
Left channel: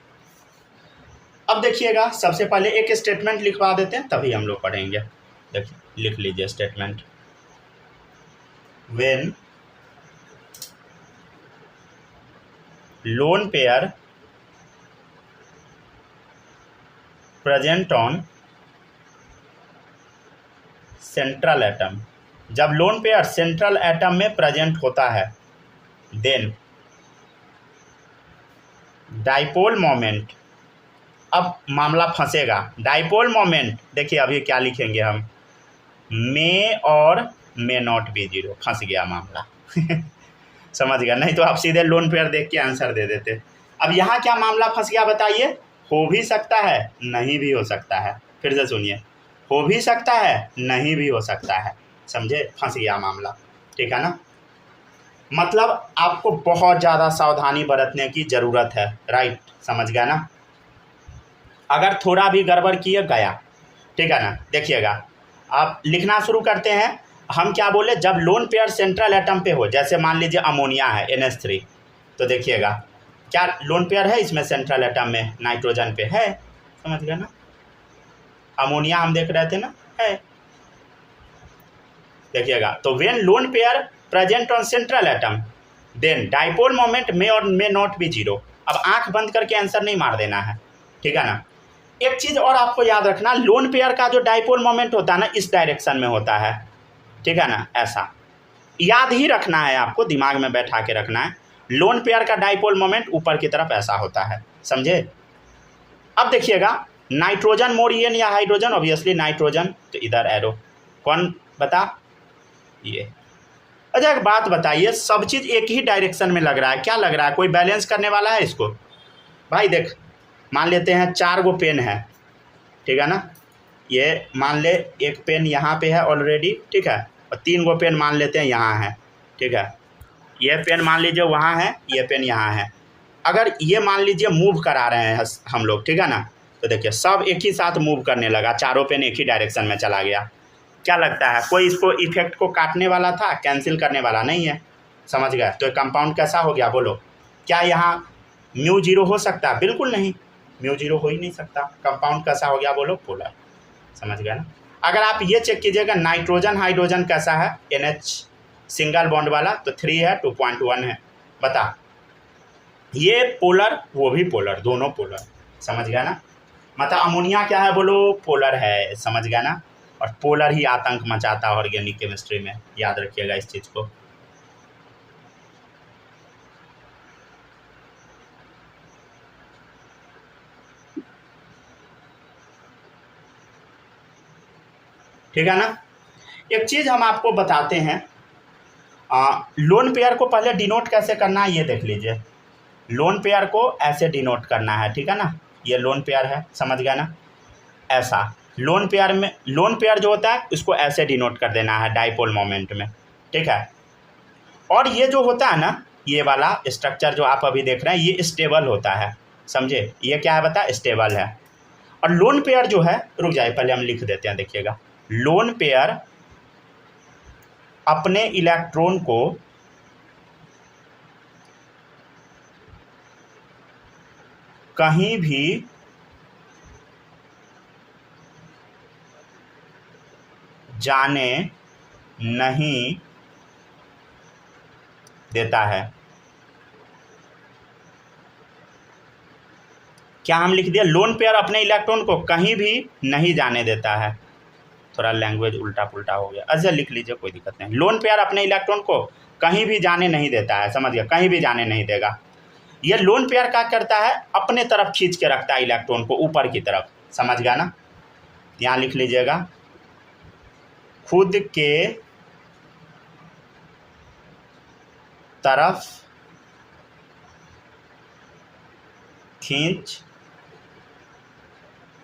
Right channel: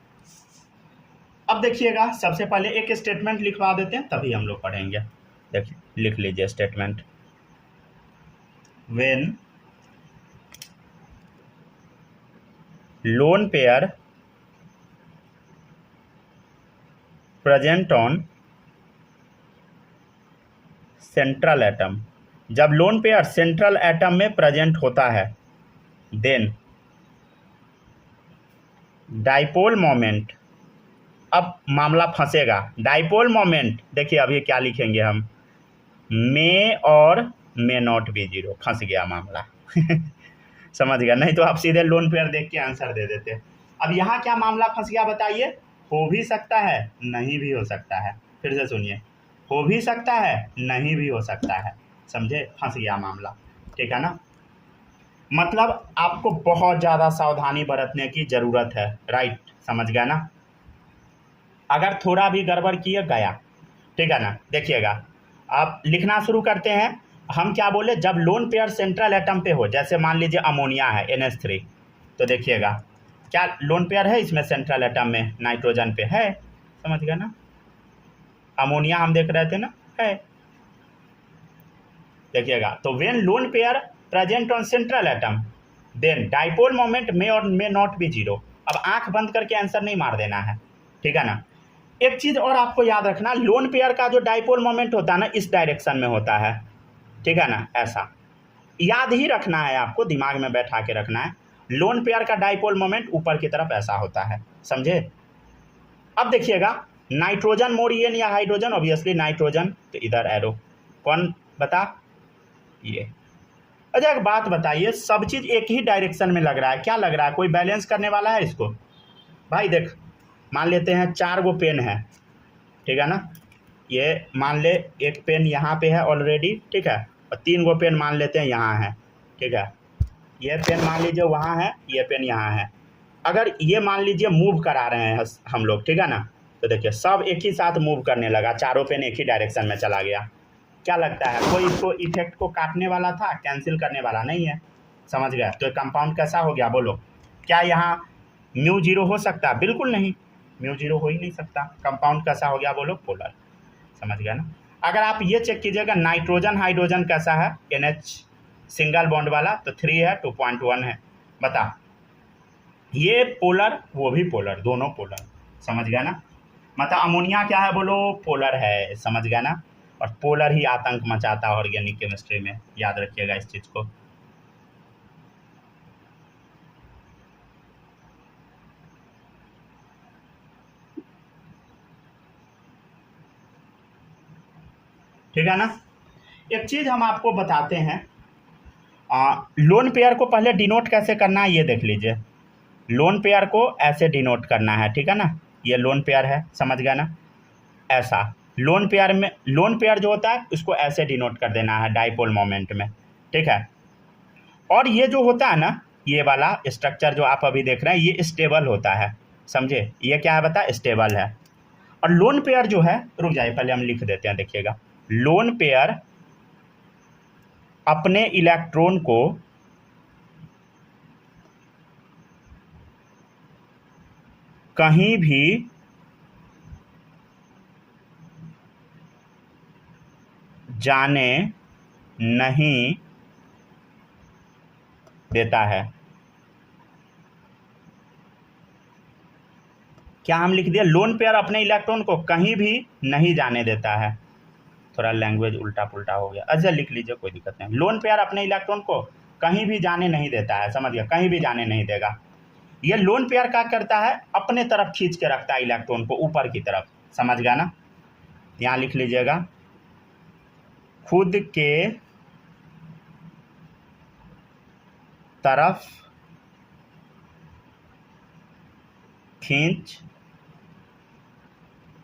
अब देखिएगा, सबसे पहले एक स्टेटमेंट लिखवा देते हैं तभी हम लोग पढ़ेंगे। देखिए, लिख लीजिए statement. When lone pair present on central atom, जब लोन पेयर सेंट्रल एटम में प्रेजेंट होता है, देन डाइपोल मोमेंट, अब मामला फंसेगा। डाइपोल मोमेंट देखिए अभी क्या लिखेंगे हम, मे और मे नॉट बी 0, फंस गया मामला। समझ गया? नहीं तो आप सीधे लोन पेयर देख के आंसर दे देते। अब यहाँ क्या मामला फंस गया बताइए? हो भी सकता है, नहीं भी हो सकता है। फिर से सुनिए, हो भी सकता है, नहीं भी हो सकता है, समझे? फंस गया मामला, ठीक है ना। मतलब आपको बहुत ज़्यादा सावधानी बरतने की ज़रूरत है, राइट, समझ गया ना। अगर थोड़ा भी गड़बड़ किए गया, ठीक है ना, देखिएगा, आप लिखना शुरू करते हैं हम क्या बोले, जब लोन पेयर सेंट्रल एटम पे हो, जैसे मान लीजिए अमोनिया है NH3, तो देखिएगा क्या लोन पेयर है इसमें सेंट्रल एटम में, नाइट्रोजन पे है, समझ गए ना। अमोनिया हम देख रहे थे ना, है, देखिएगा। तो when lone pair present on central atom then dipole moment may और मे नॉट बी जीरो। अब आंख बंद करके आंसर नहीं मार देना है, ठीक है ना। एक चीज़ और आपको याद रखना, लोन पेयर का जो डाइपोल मोमेंट होता है ना, इस डायरेक्शन में होता है, ठीक है ना, ऐसा याद ही रखना है आपको, दिमाग में बैठा के रखना है। लोन पेयर का डाइपोल मोमेंट ऊपर की तरफ ऐसा होता है, समझे। अब देखिएगा, नाइट्रोजन मोर ईएन या हाइड्रोजन, ऑब्वियसली नाइट्रोजन, तो इधर एरो, कौन बता, ये। अच्छा एक बात बताइए, सब चीज़ एक ही डायरेक्शन में लग रहा है, क्या लग रहा है, कोई बैलेंस करने वाला है इसको। भाई देख, मान लेते हैं 4 गो पेन है, ठीक है ना, ये मान ले एक पेन यहाँ पे है ऑलरेडी, ठीक है, और 3 गो पेन मान लेते हैं यहाँ है, ठीक है, ये पेन मान लीजिए वहाँ है, ये पेन यहाँ है। अगर ये मान लीजिए मूव करा रहे हैं हम लोग, ठीक है ना, तो देखिए सब एक ही साथ मूव करने लगा, चारों पेन एक ही डायरेक्शन में चला गया। क्या लगता है, कोई इसको इफेक्ट को काटने वाला था, कैंसिल करने वाला नहीं है, समझ गए। तो कंपाउंड कैसा हो गया बोलो, क्या यहाँ म्यू जीरो हो सकता है, बिल्कुल नहीं, म्यू जीरो हो ही नहीं सकता। कंपाउंड कैसा हो गया बोलो, पोलर, समझ गया ना। अगर आप ये चेक कीजिएगा, नाइट्रोजन हाइड्रोजन कैसा है, NH सिंगल बॉन्ड वाला, तो 3 है, 2.1 है, बता, ये पोलर वो भी पोलर, दोनों पोलर, समझ गया ना। मतलब अमोनिया क्या है बोलो, पोलर है, समझ गया ना। और पोलर ही आतंक मचाता है ऑर्गेनिक केमिस्ट्री में, याद रखिएगा इस चीज़ को। ठीक है ना। एक चीज़ हम आपको बताते हैं, लोन पेयर को पहले डिनोट कैसे करना है ये देख लीजिए। लोन पेयर को ऐसे डिनोट करना है, ठीक है ना, ये लोन पेयर है, समझ गया ना, ऐसा। लोन पेयर में, लोन पेयर जो होता है उसको ऐसे डिनोट कर देना है डाइपोल मोमेंट में, ठीक है। और ये जो होता है ना, ये वाला स्ट्रक्चर जो आप अभी देख रहे हैं, ये स्टेबल होता है, समझे, ये क्या है बता, स्टेबल है। और लोन पेयर जो है, रुक जाइए पहले हम लिख देते हैं, देखिएगा, लोन पेयर अपने इलेक्ट्रॉन को कहीं भी जाने नहीं देता है। क्या हम लिख दिया, लोन पेयर अपने इलेक्ट्रॉन को कहीं भी नहीं जाने देता है, थोड़ा लैंग्वेज उल्टा पुल्टा हो गया, अच्छा लिख लीजिए, कोई दिक्कत नहीं। लोन पेयर अपने इलेक्ट्रॉन को कहीं भी जाने नहीं देता है, समझ गया, कहीं भी जाने नहीं देगा। ये लोन पेयर क्या करता है, अपने तरफ खींच के रखता है इलेक्ट्रॉन को ऊपर की तरफ, समझ गया ना। यहाँ लिख लीजिएगा, खुद के तरफ खींच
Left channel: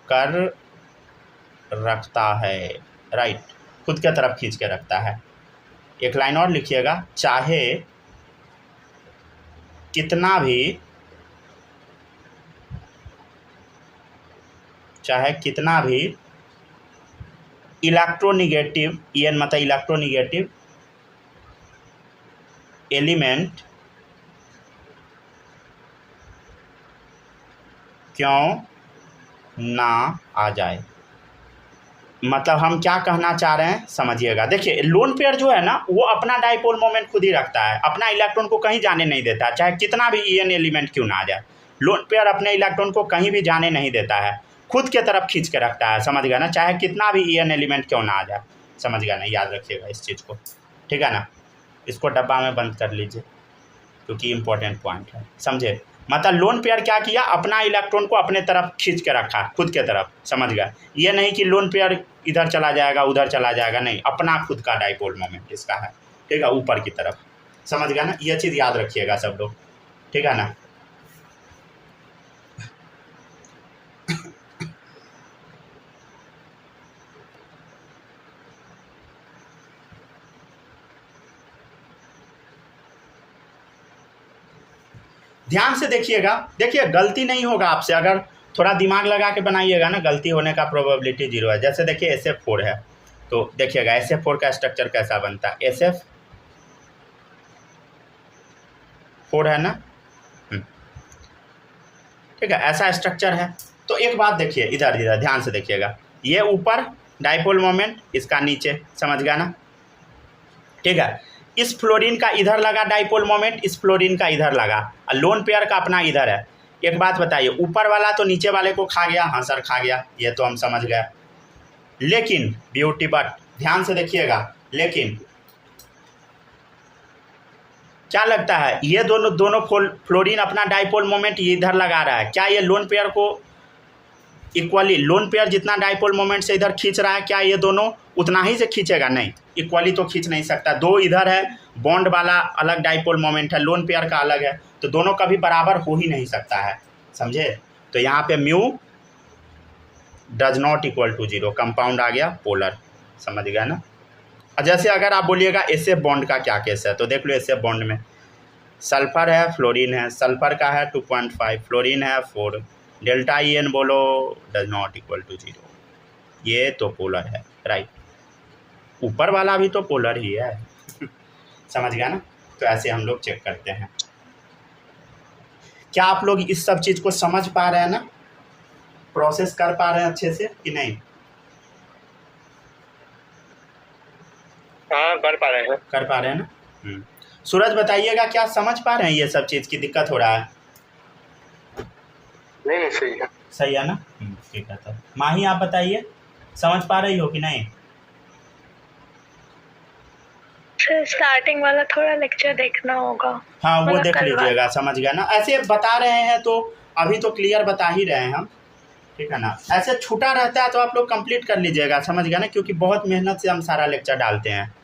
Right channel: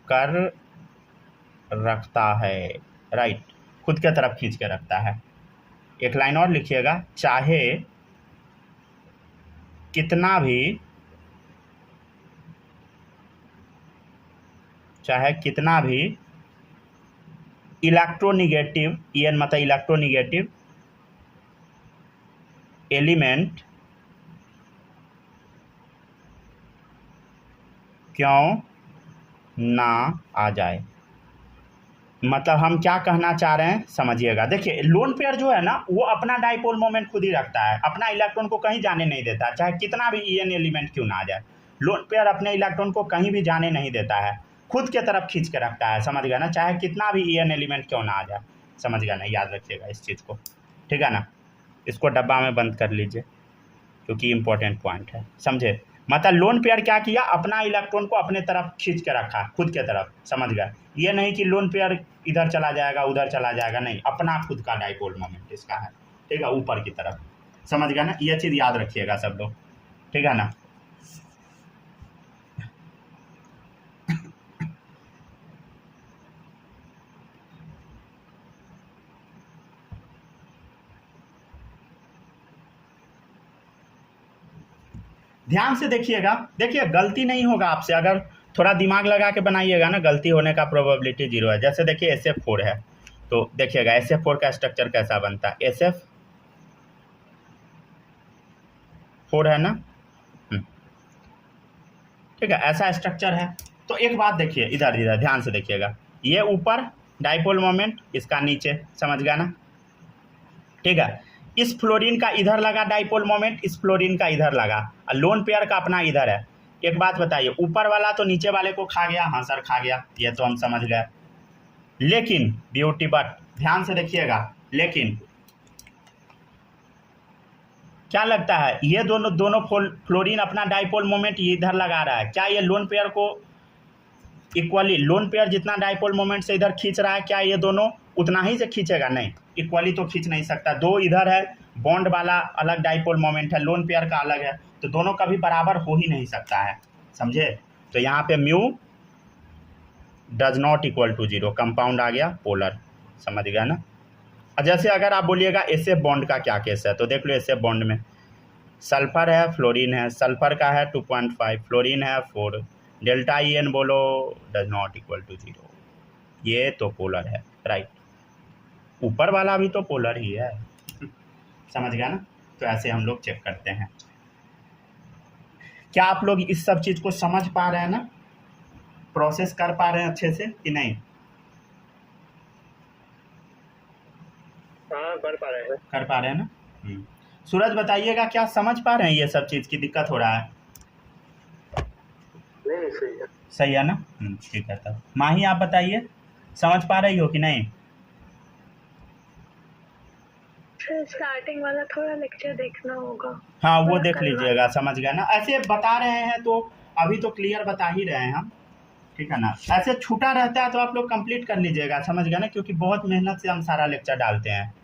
कर रखता है, राइट, खुद के तरफ खींच के रखता है। एक लाइन और लिखिएगा, चाहे कितना भी इलेक्ट्रोनिगेटिव, EN मतलब इलेक्ट्रोनिगेटिव एलिमेंट क्यों ना आ जाए। मतलब हम क्या कहना चाह रहे हैं समझिएगा। देखिए लोन पेयर जो है ना, वो अपना डाइपोल मोमेंट खुद ही रखता है, अपना इलेक्ट्रॉन को कहीं जाने नहीं देता, चाहे कितना भी EN एलिमेंट क्यों ना आ जाए। लोन पेयर अपने इलेक्ट्रॉन को कहीं भी जाने नहीं देता है, खुद के तरफ खींच के रखता है, समझ गया ना, चाहे कितना भी EN एलिमेंट क्यों ना आ जाए, समझ गया ना, याद रखिएगा इस चीज़ को, ठीक है ना। इसको डब्बा में बंद कर लीजिए क्योंकि इम्पोर्टेंट पॉइंट है, समझे। मतलब लोन पेयर क्या किया, अपना इलेक्ट्रॉन को अपने तरफ खींच के रखा, खुद के तरफ, समझ गया। ये नहीं कि लोन पेयर इधर चला जाएगा उधर चला जाएगा, नहीं, अपना खुद का डाइपोल मोमेंट इसका है, ठीक है, ऊपर की तरफ, समझ गया ना। ये चीज़ याद रखिएगा सब लोग, ठीक है ना। ध्यान से देखिएगा, देखिए गलती नहीं होगा आपसे, अगर थोड़ा दिमाग लगा के बनाइएगा ना, गलती होने का प्रोबेबिलिटी 0 है। जैसे देखिए SF4 है, तो देखिएगा SF4 का स्ट्रक्चर कैसा बनता है, SF4 है ना, ठीक है, ऐसा स्ट्रक्चर है। तो एक बात देखिए, इधर इधर ध्यान से देखिएगा, ये ऊपर डाइपोल मोमेंट, इसका नीचे, समझ गया ना, ठीक है। इस फ्लोरीन का इधर लगा डाइपोल मोमेंट, इस फ्लोरीन का इधर लगा, और लोन पेयर का अपना इधर है। एक बात बताइए, ऊपर वाला तो नीचे वाले को खा गया, हाँ सर खा गया, ये तो हम समझ गए, लेकिन ब्यूटी बट ध्यान से देखिएगा, लेकिन क्या लगता है, ये दोनों फ्लोरीन अपना डाइपोल मोमेंट ये इधर लगा रहा है, क्या ये लोन पेयर को इक्वली, लोन पेयर जितना डाइपोल मोमेंट से इधर खींच रहा है, क्या ये दोनों उतना ही से खींचेगा? नहीं, इक्वली तो खींच नहीं सकता। दो इधर है, बॉन्ड वाला अलग डाइपोल मोमेंट है, लोन पेयर का अलग है, तो दोनों कभी बराबर हो ही नहीं सकता है, समझे। तो यहाँ पे mu does not equal to 0, compound आ गया पोलर, समझ गया ना। जैसे अगर आप बोलिएगा SF बॉन्ड का क्या केस है, तो देख लो SF बॉन्ड में सल्फर है, फ्लोरीन है, सल्फर का है 2.5, फ्लोरीन है 4, डेल्टा EN बोलो डज नॉट इक्वल टू 0, ये तो पोलर है, राइट। ऊपर वाला भी तो पोलर ही है समझ गया ना। तो ऐसे हम लोग चेक करते हैं। क्या आप लोग इस सब चीज़ को समझ पा रहे हैं ना, प्रोसेस कर पा रहे हैं अच्छे से कि नहीं? हाँ कर पा रहे हैं। कर पा रहे हैं ना। सूरज बताइएगा, क्या समझ पा रहे हैं ये सब चीज़ की दिक्कत हो रहा है? नहीं सही है। सही है ना, ठीक है। तब माही आप बताइए, समझ पा रही हो कि नहीं? स्टार्टिंग वाला थोड़ा लेक्चर देखना होगा। हाँ वो मतलब देख कल लीजिएगा, समझ गया ना। ऐसे बता रहे हैं तो अभी तो क्लियर बता ही रहे हैं हम, ठीक है ना। ऐसे छूटा रहता है तो आप लोग कंप्लीट कर लीजिएगा, समझ गया ना, क्योंकि बहुत मेहनत से हम सारा लेक्चर डालते हैं,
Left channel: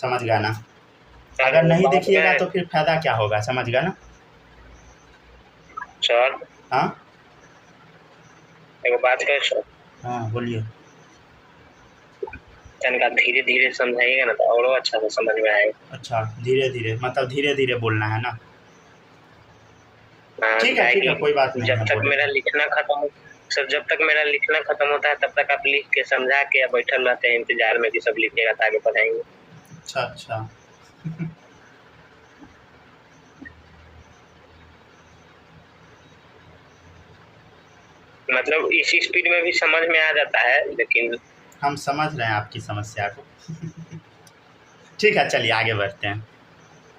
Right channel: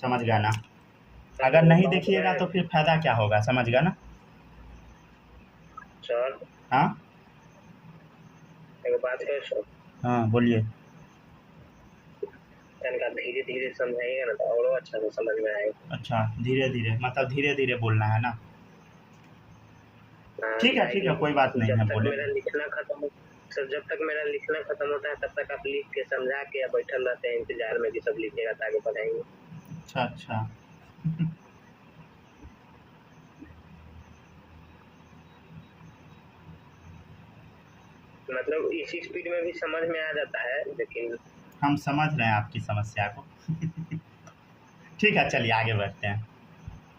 समझ गया ना। अगर नहीं देखिएगा तो फिर फायदा क्या होगा, समझ गया ना। सर हाँ एक बात है सर, हाँ बोलिए। इनका धीरे धीरे समझाइएगा ना तो और अच्छा से समझ में आएगा। अच्छा धीरे धीरे, मतलब धीरे धीरे बोलना है ना। ठीक है कोई बात नहीं। जब तक मेरा लिखना खत्म सर, जब तक मेरा लिखना खत्म होता है तब तक आप लिख के समझा के या बैठल रहते हैं इंतजार में कि सब लिखिएगा तो आगे पढ़ाएंगे। अच्छा मतलब इसी स्पीड में भी समझ में आ जाता है, लेकिन हम समझ रहे हैं आपकी समस्या को ठीक है चलिए आगे बढ़ते हैं।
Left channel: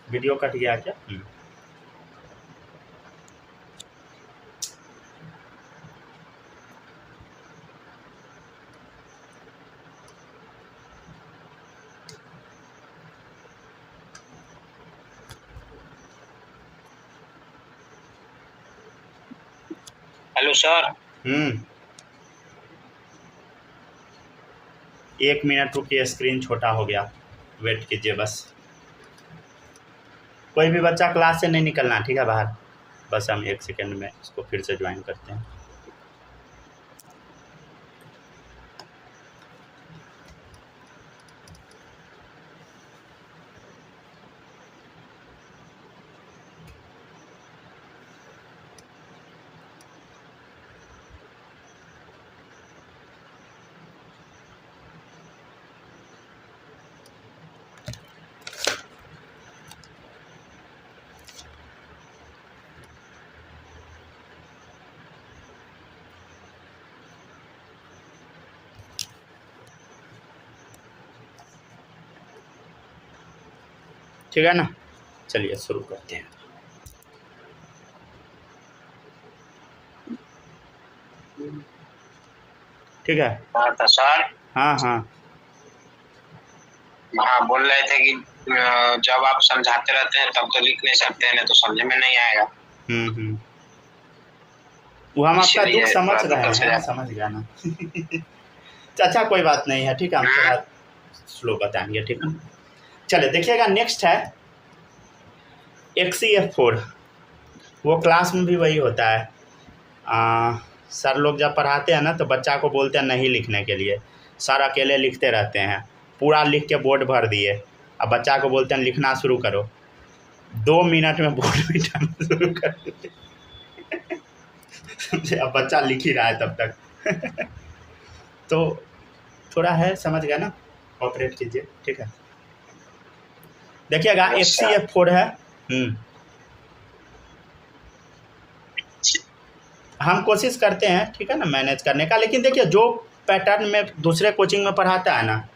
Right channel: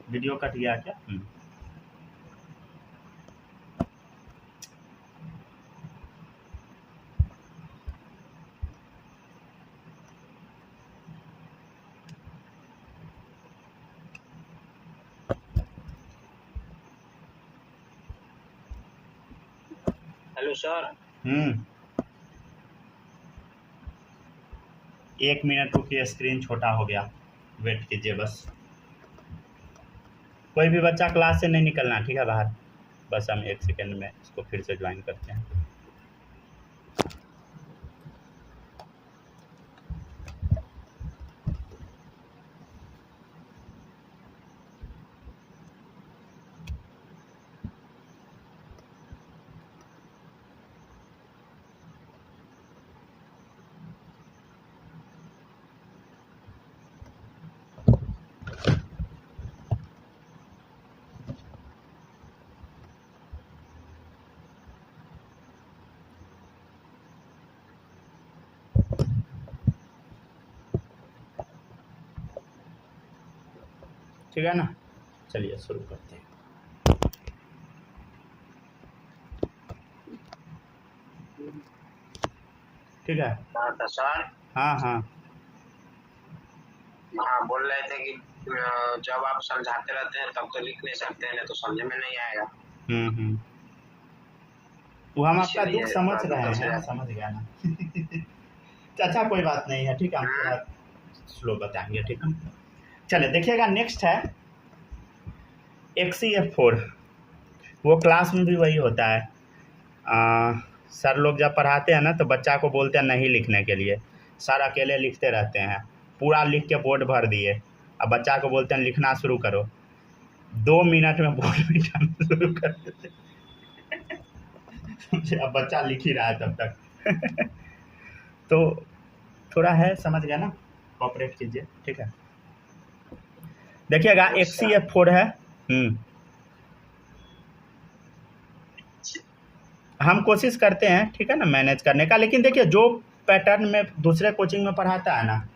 वीडियो कट गया क्या? Hello sir. 1 मिनट रुकिए, स्क्रीन छोटा हो गया, वेट कीजिए बस। कोई भी बच्चा क्लास से नहीं निकलना, ठीक है बाहर, बस हम 1 सेकेंड में इसको फिर से ज्वाइन करते हैं। ठीक है ना, चलिए शुरू करते हैं। ठीक है तो सर हाँ बोल रहे थे कि जब आप समझाते रहते हैं तब तो लिख नहीं सकते हैं, नहीं तो समझ में नहीं आएगा। वो हम आपका दुख समझ रहे हैं, समझ गया ना अच्छा कोई बात नहीं है, ठीक है, हम थोड़ा स्लो बताएंगे, ठीक है। चलिए देखिएगा, नेक्स्ट है XCF4। वो क्लास में भी वही होता है। सर लोग जब पढ़ाते हैं ना तो बच्चा को बोलते हैं नहीं लिखने के लिए, सर अकेले लिखते रहते हैं, पूरा लिख के बोर्ड भर दिए, अब बच्चा को बोलते हैं लिखना शुरू करो, 2 मिनट में बोर्ड मिटाना शुरू कर देते अब बच्चा लिख ही रहा है तब तक तो थोड़ा है, समझ गया ना। ऑपरेट कीजिए, ठीक है। देखिएगा HCF4 है। हम कोशिश करते हैं, ठीक है ना, मैनेज करने का, लेकिन देखिए जो पैटर्न में दूसरे कोचिंग में पढ़ाता है ना,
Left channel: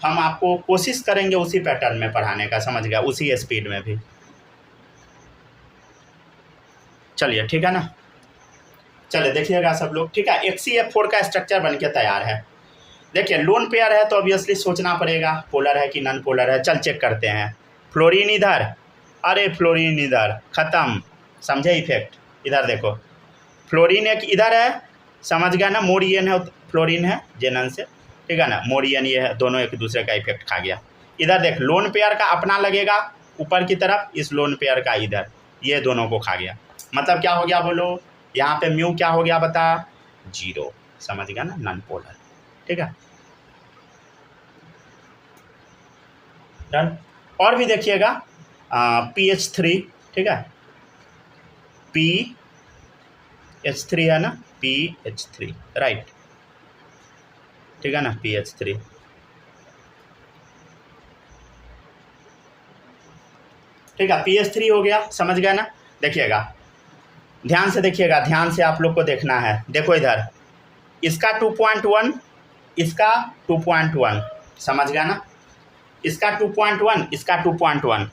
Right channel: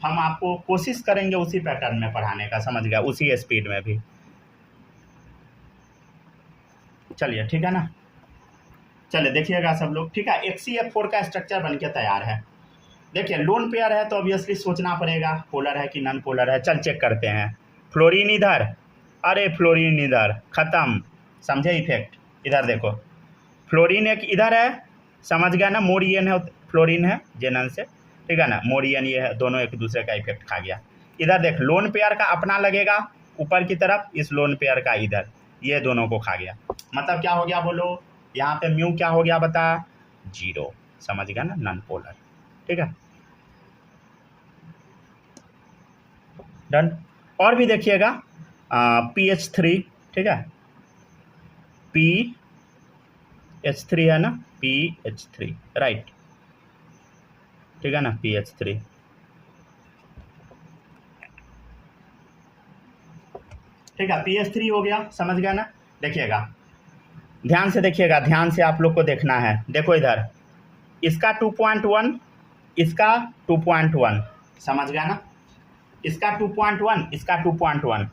हम आपको कोशिश करेंगे उसी पैटर्न में पढ़ाने का, समझ गया, उसी स्पीड में भी। चलिए ठीक है ना, चलिए देखिएगा सब लोग, ठीक है। HCF4 का स्ट्रक्चर बन के तैयार है। देखिए लोन पेयर है तो ऑब्वियसली सोचना पड़ेगा पोलर है कि नॉन पोलर है। चल चेक करते हैं। फ्लोरीन इधर, अरे फ्लोरीन इधर, ख़त्म, समझे इफेक्ट। इधर देखो फ्लोरीन एक इधर है, समझ गया ना, मोरियन है, फ्लोरीन है जेनन से, ठीक है ना, मोरियन ये है, दोनों एक दूसरे का इफेक्ट खा गया। इधर देख लोन पेयर का अपना लगेगा ऊपर की तरफ, इस लोन पेयर का इधर, ये दोनों को खा गया। मतलब क्या हो गया बोलो, यहाँ पे म्यू क्या हो गया बता, 0, समझ गया ना, नॉन पोलर, ठीक है, डन। और भी देखिएगा PH3, ठीक है, PH3 है ना, PH3 राइट, ठीक है ना, PH3, ठीक है, PH3 हो गया, समझ गया ना। देखिएगा ध्यान से देखिएगा, ध्यान से आप लोग को देखना है। देखो इधर इसका 2.1, इसका 2.1, समझ गया ना, इसका 2.1, इसका 2.1।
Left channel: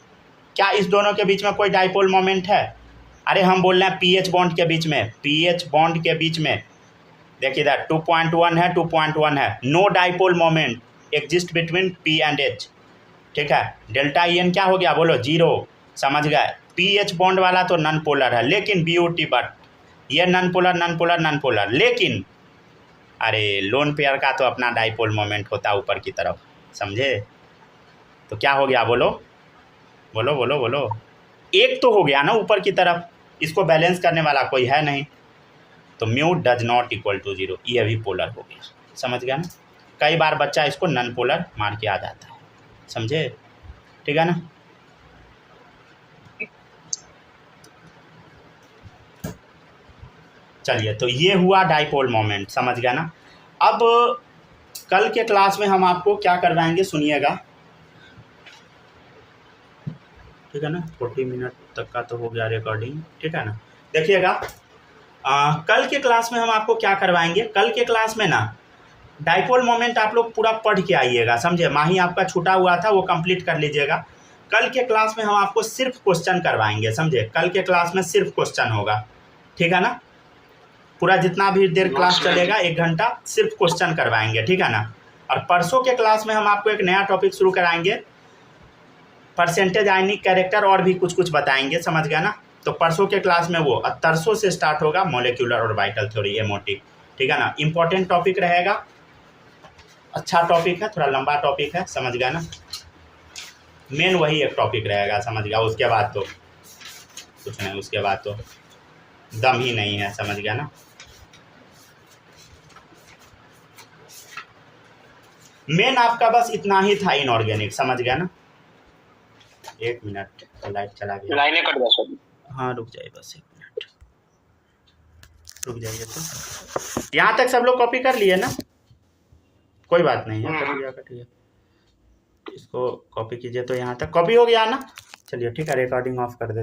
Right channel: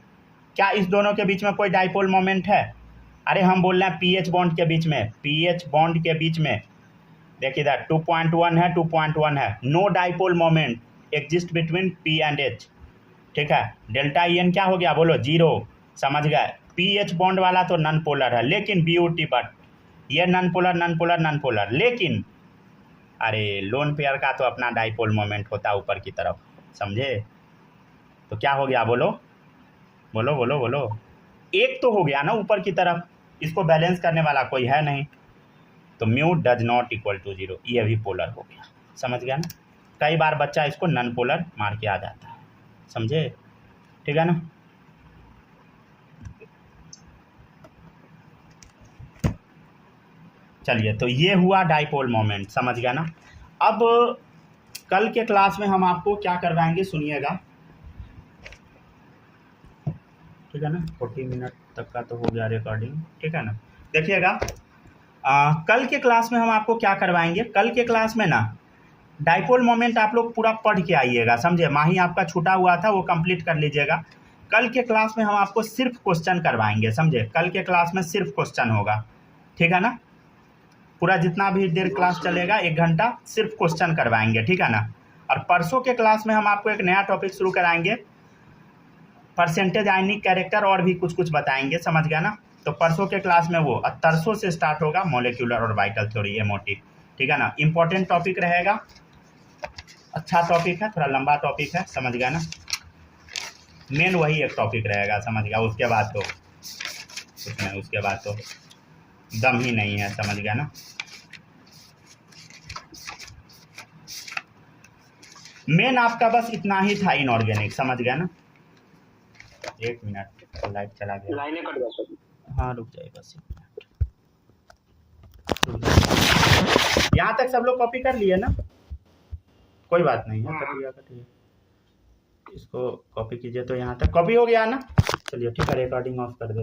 क्या इस दोनों के बीच में कोई डाइपोल मोमेंट है? अरे हम बोल रहे हैं पीएच बॉन्ड के बीच में, पीएच बॉन्ड के बीच में। देखिए इधर 2.1 है, 2.1 है, no dipole moment exist between P and H, ठीक है। डेल्टा EN क्या हो गया बोलो, 0, समझ गए। पीएच बॉन्ड वाला तो नॉन पोलर है, लेकिन BOT बट ये non polar, non polar, non polar, लेकिन अरे लोन पेयर का तो अपना डाइपोल मोमेंट होता है ऊपर की तरफ, समझे। तो क्या हो गया बोलो, बोलो बोलो बोलो, एक तो हो गया ना ऊपर की तरफ, इसको बैलेंस करने वाला कोई है नहीं, तो mu does not equal to 0, ये भी पोलर हो गया, समझ गया ना। कई बार बच्चा इसको नॉन पोलर मार के आ जाता है, समझे, ठीक है ना। चलिए तो ये हुआ डाइपोल मोमेंट, समझ गया ना। अब कल के क्लास में हम आपको क्या करवाएंगे सुनिएगा, ठीक है ना, 40 मिनट तक का तो हो गया रिकॉर्डिंग, ठीक है ना। देखिएगा कल के क्लास में हम आपको क्या करवाएंगे, कल के क्लास में ना डाइपोल मोमेंट आप लोग पूरा पढ़ के आइएगा, समझे। माही आपका छूटा हुआ था वो कंप्लीट कर लीजिएगा। कल के क्लास में हम आपको सिर्फ क्वेश्चन करवाएंगे, समझे। कल के क्लास में सिर्फ क्वेश्चन होगा, ठीक है ना। पूरा जितना भी देर क्लास चलेगा 1 घंटा सिर्फ क्वेश्चन करवाएंगे, ठीक है ना। और परसों के क्लास में हम आपको एक नया टॉपिक शुरू कराएंगे, परसेंटेज आयनिक कैरेक्टर, और भी कुछ कुछ बताएंगे, समझ गया ना। तो परसों के क्लास में वो तरसों से स्टार्ट होगा, मॉलिक्यूलर और वाइटल थ्योरी, MOT, ठीक है ना। इंपॉर्टेंट टॉपिक रहेगा, अच्छा टॉपिक है, थोड़ा लंबा टॉपिक है, समझ गया ना। मेन वही एक टॉपिक रहेगा, समझ गया। उसके बाद तो कुछ नहीं, उसके बाद तो दम ही नहीं है, समझ गया ना। मेन आपका बस इतना ही था, इनऑर्गेनिक, समझ गया ना। 1 मिनट, लाइट चला गया, लाइनें कट गया। हाँ रुक जाइए बस 1 मिनट, रुक जाइए। यहाँ तक सब लोग कॉपी कर लिए ना, कोई बात नहीं है, कट गया, इसको कॉपी कीजिए। तो यहाँ तक कॉपी हो गया ना। चलिए ठीक है, रिकॉर्डिंग ऑफ कर देते।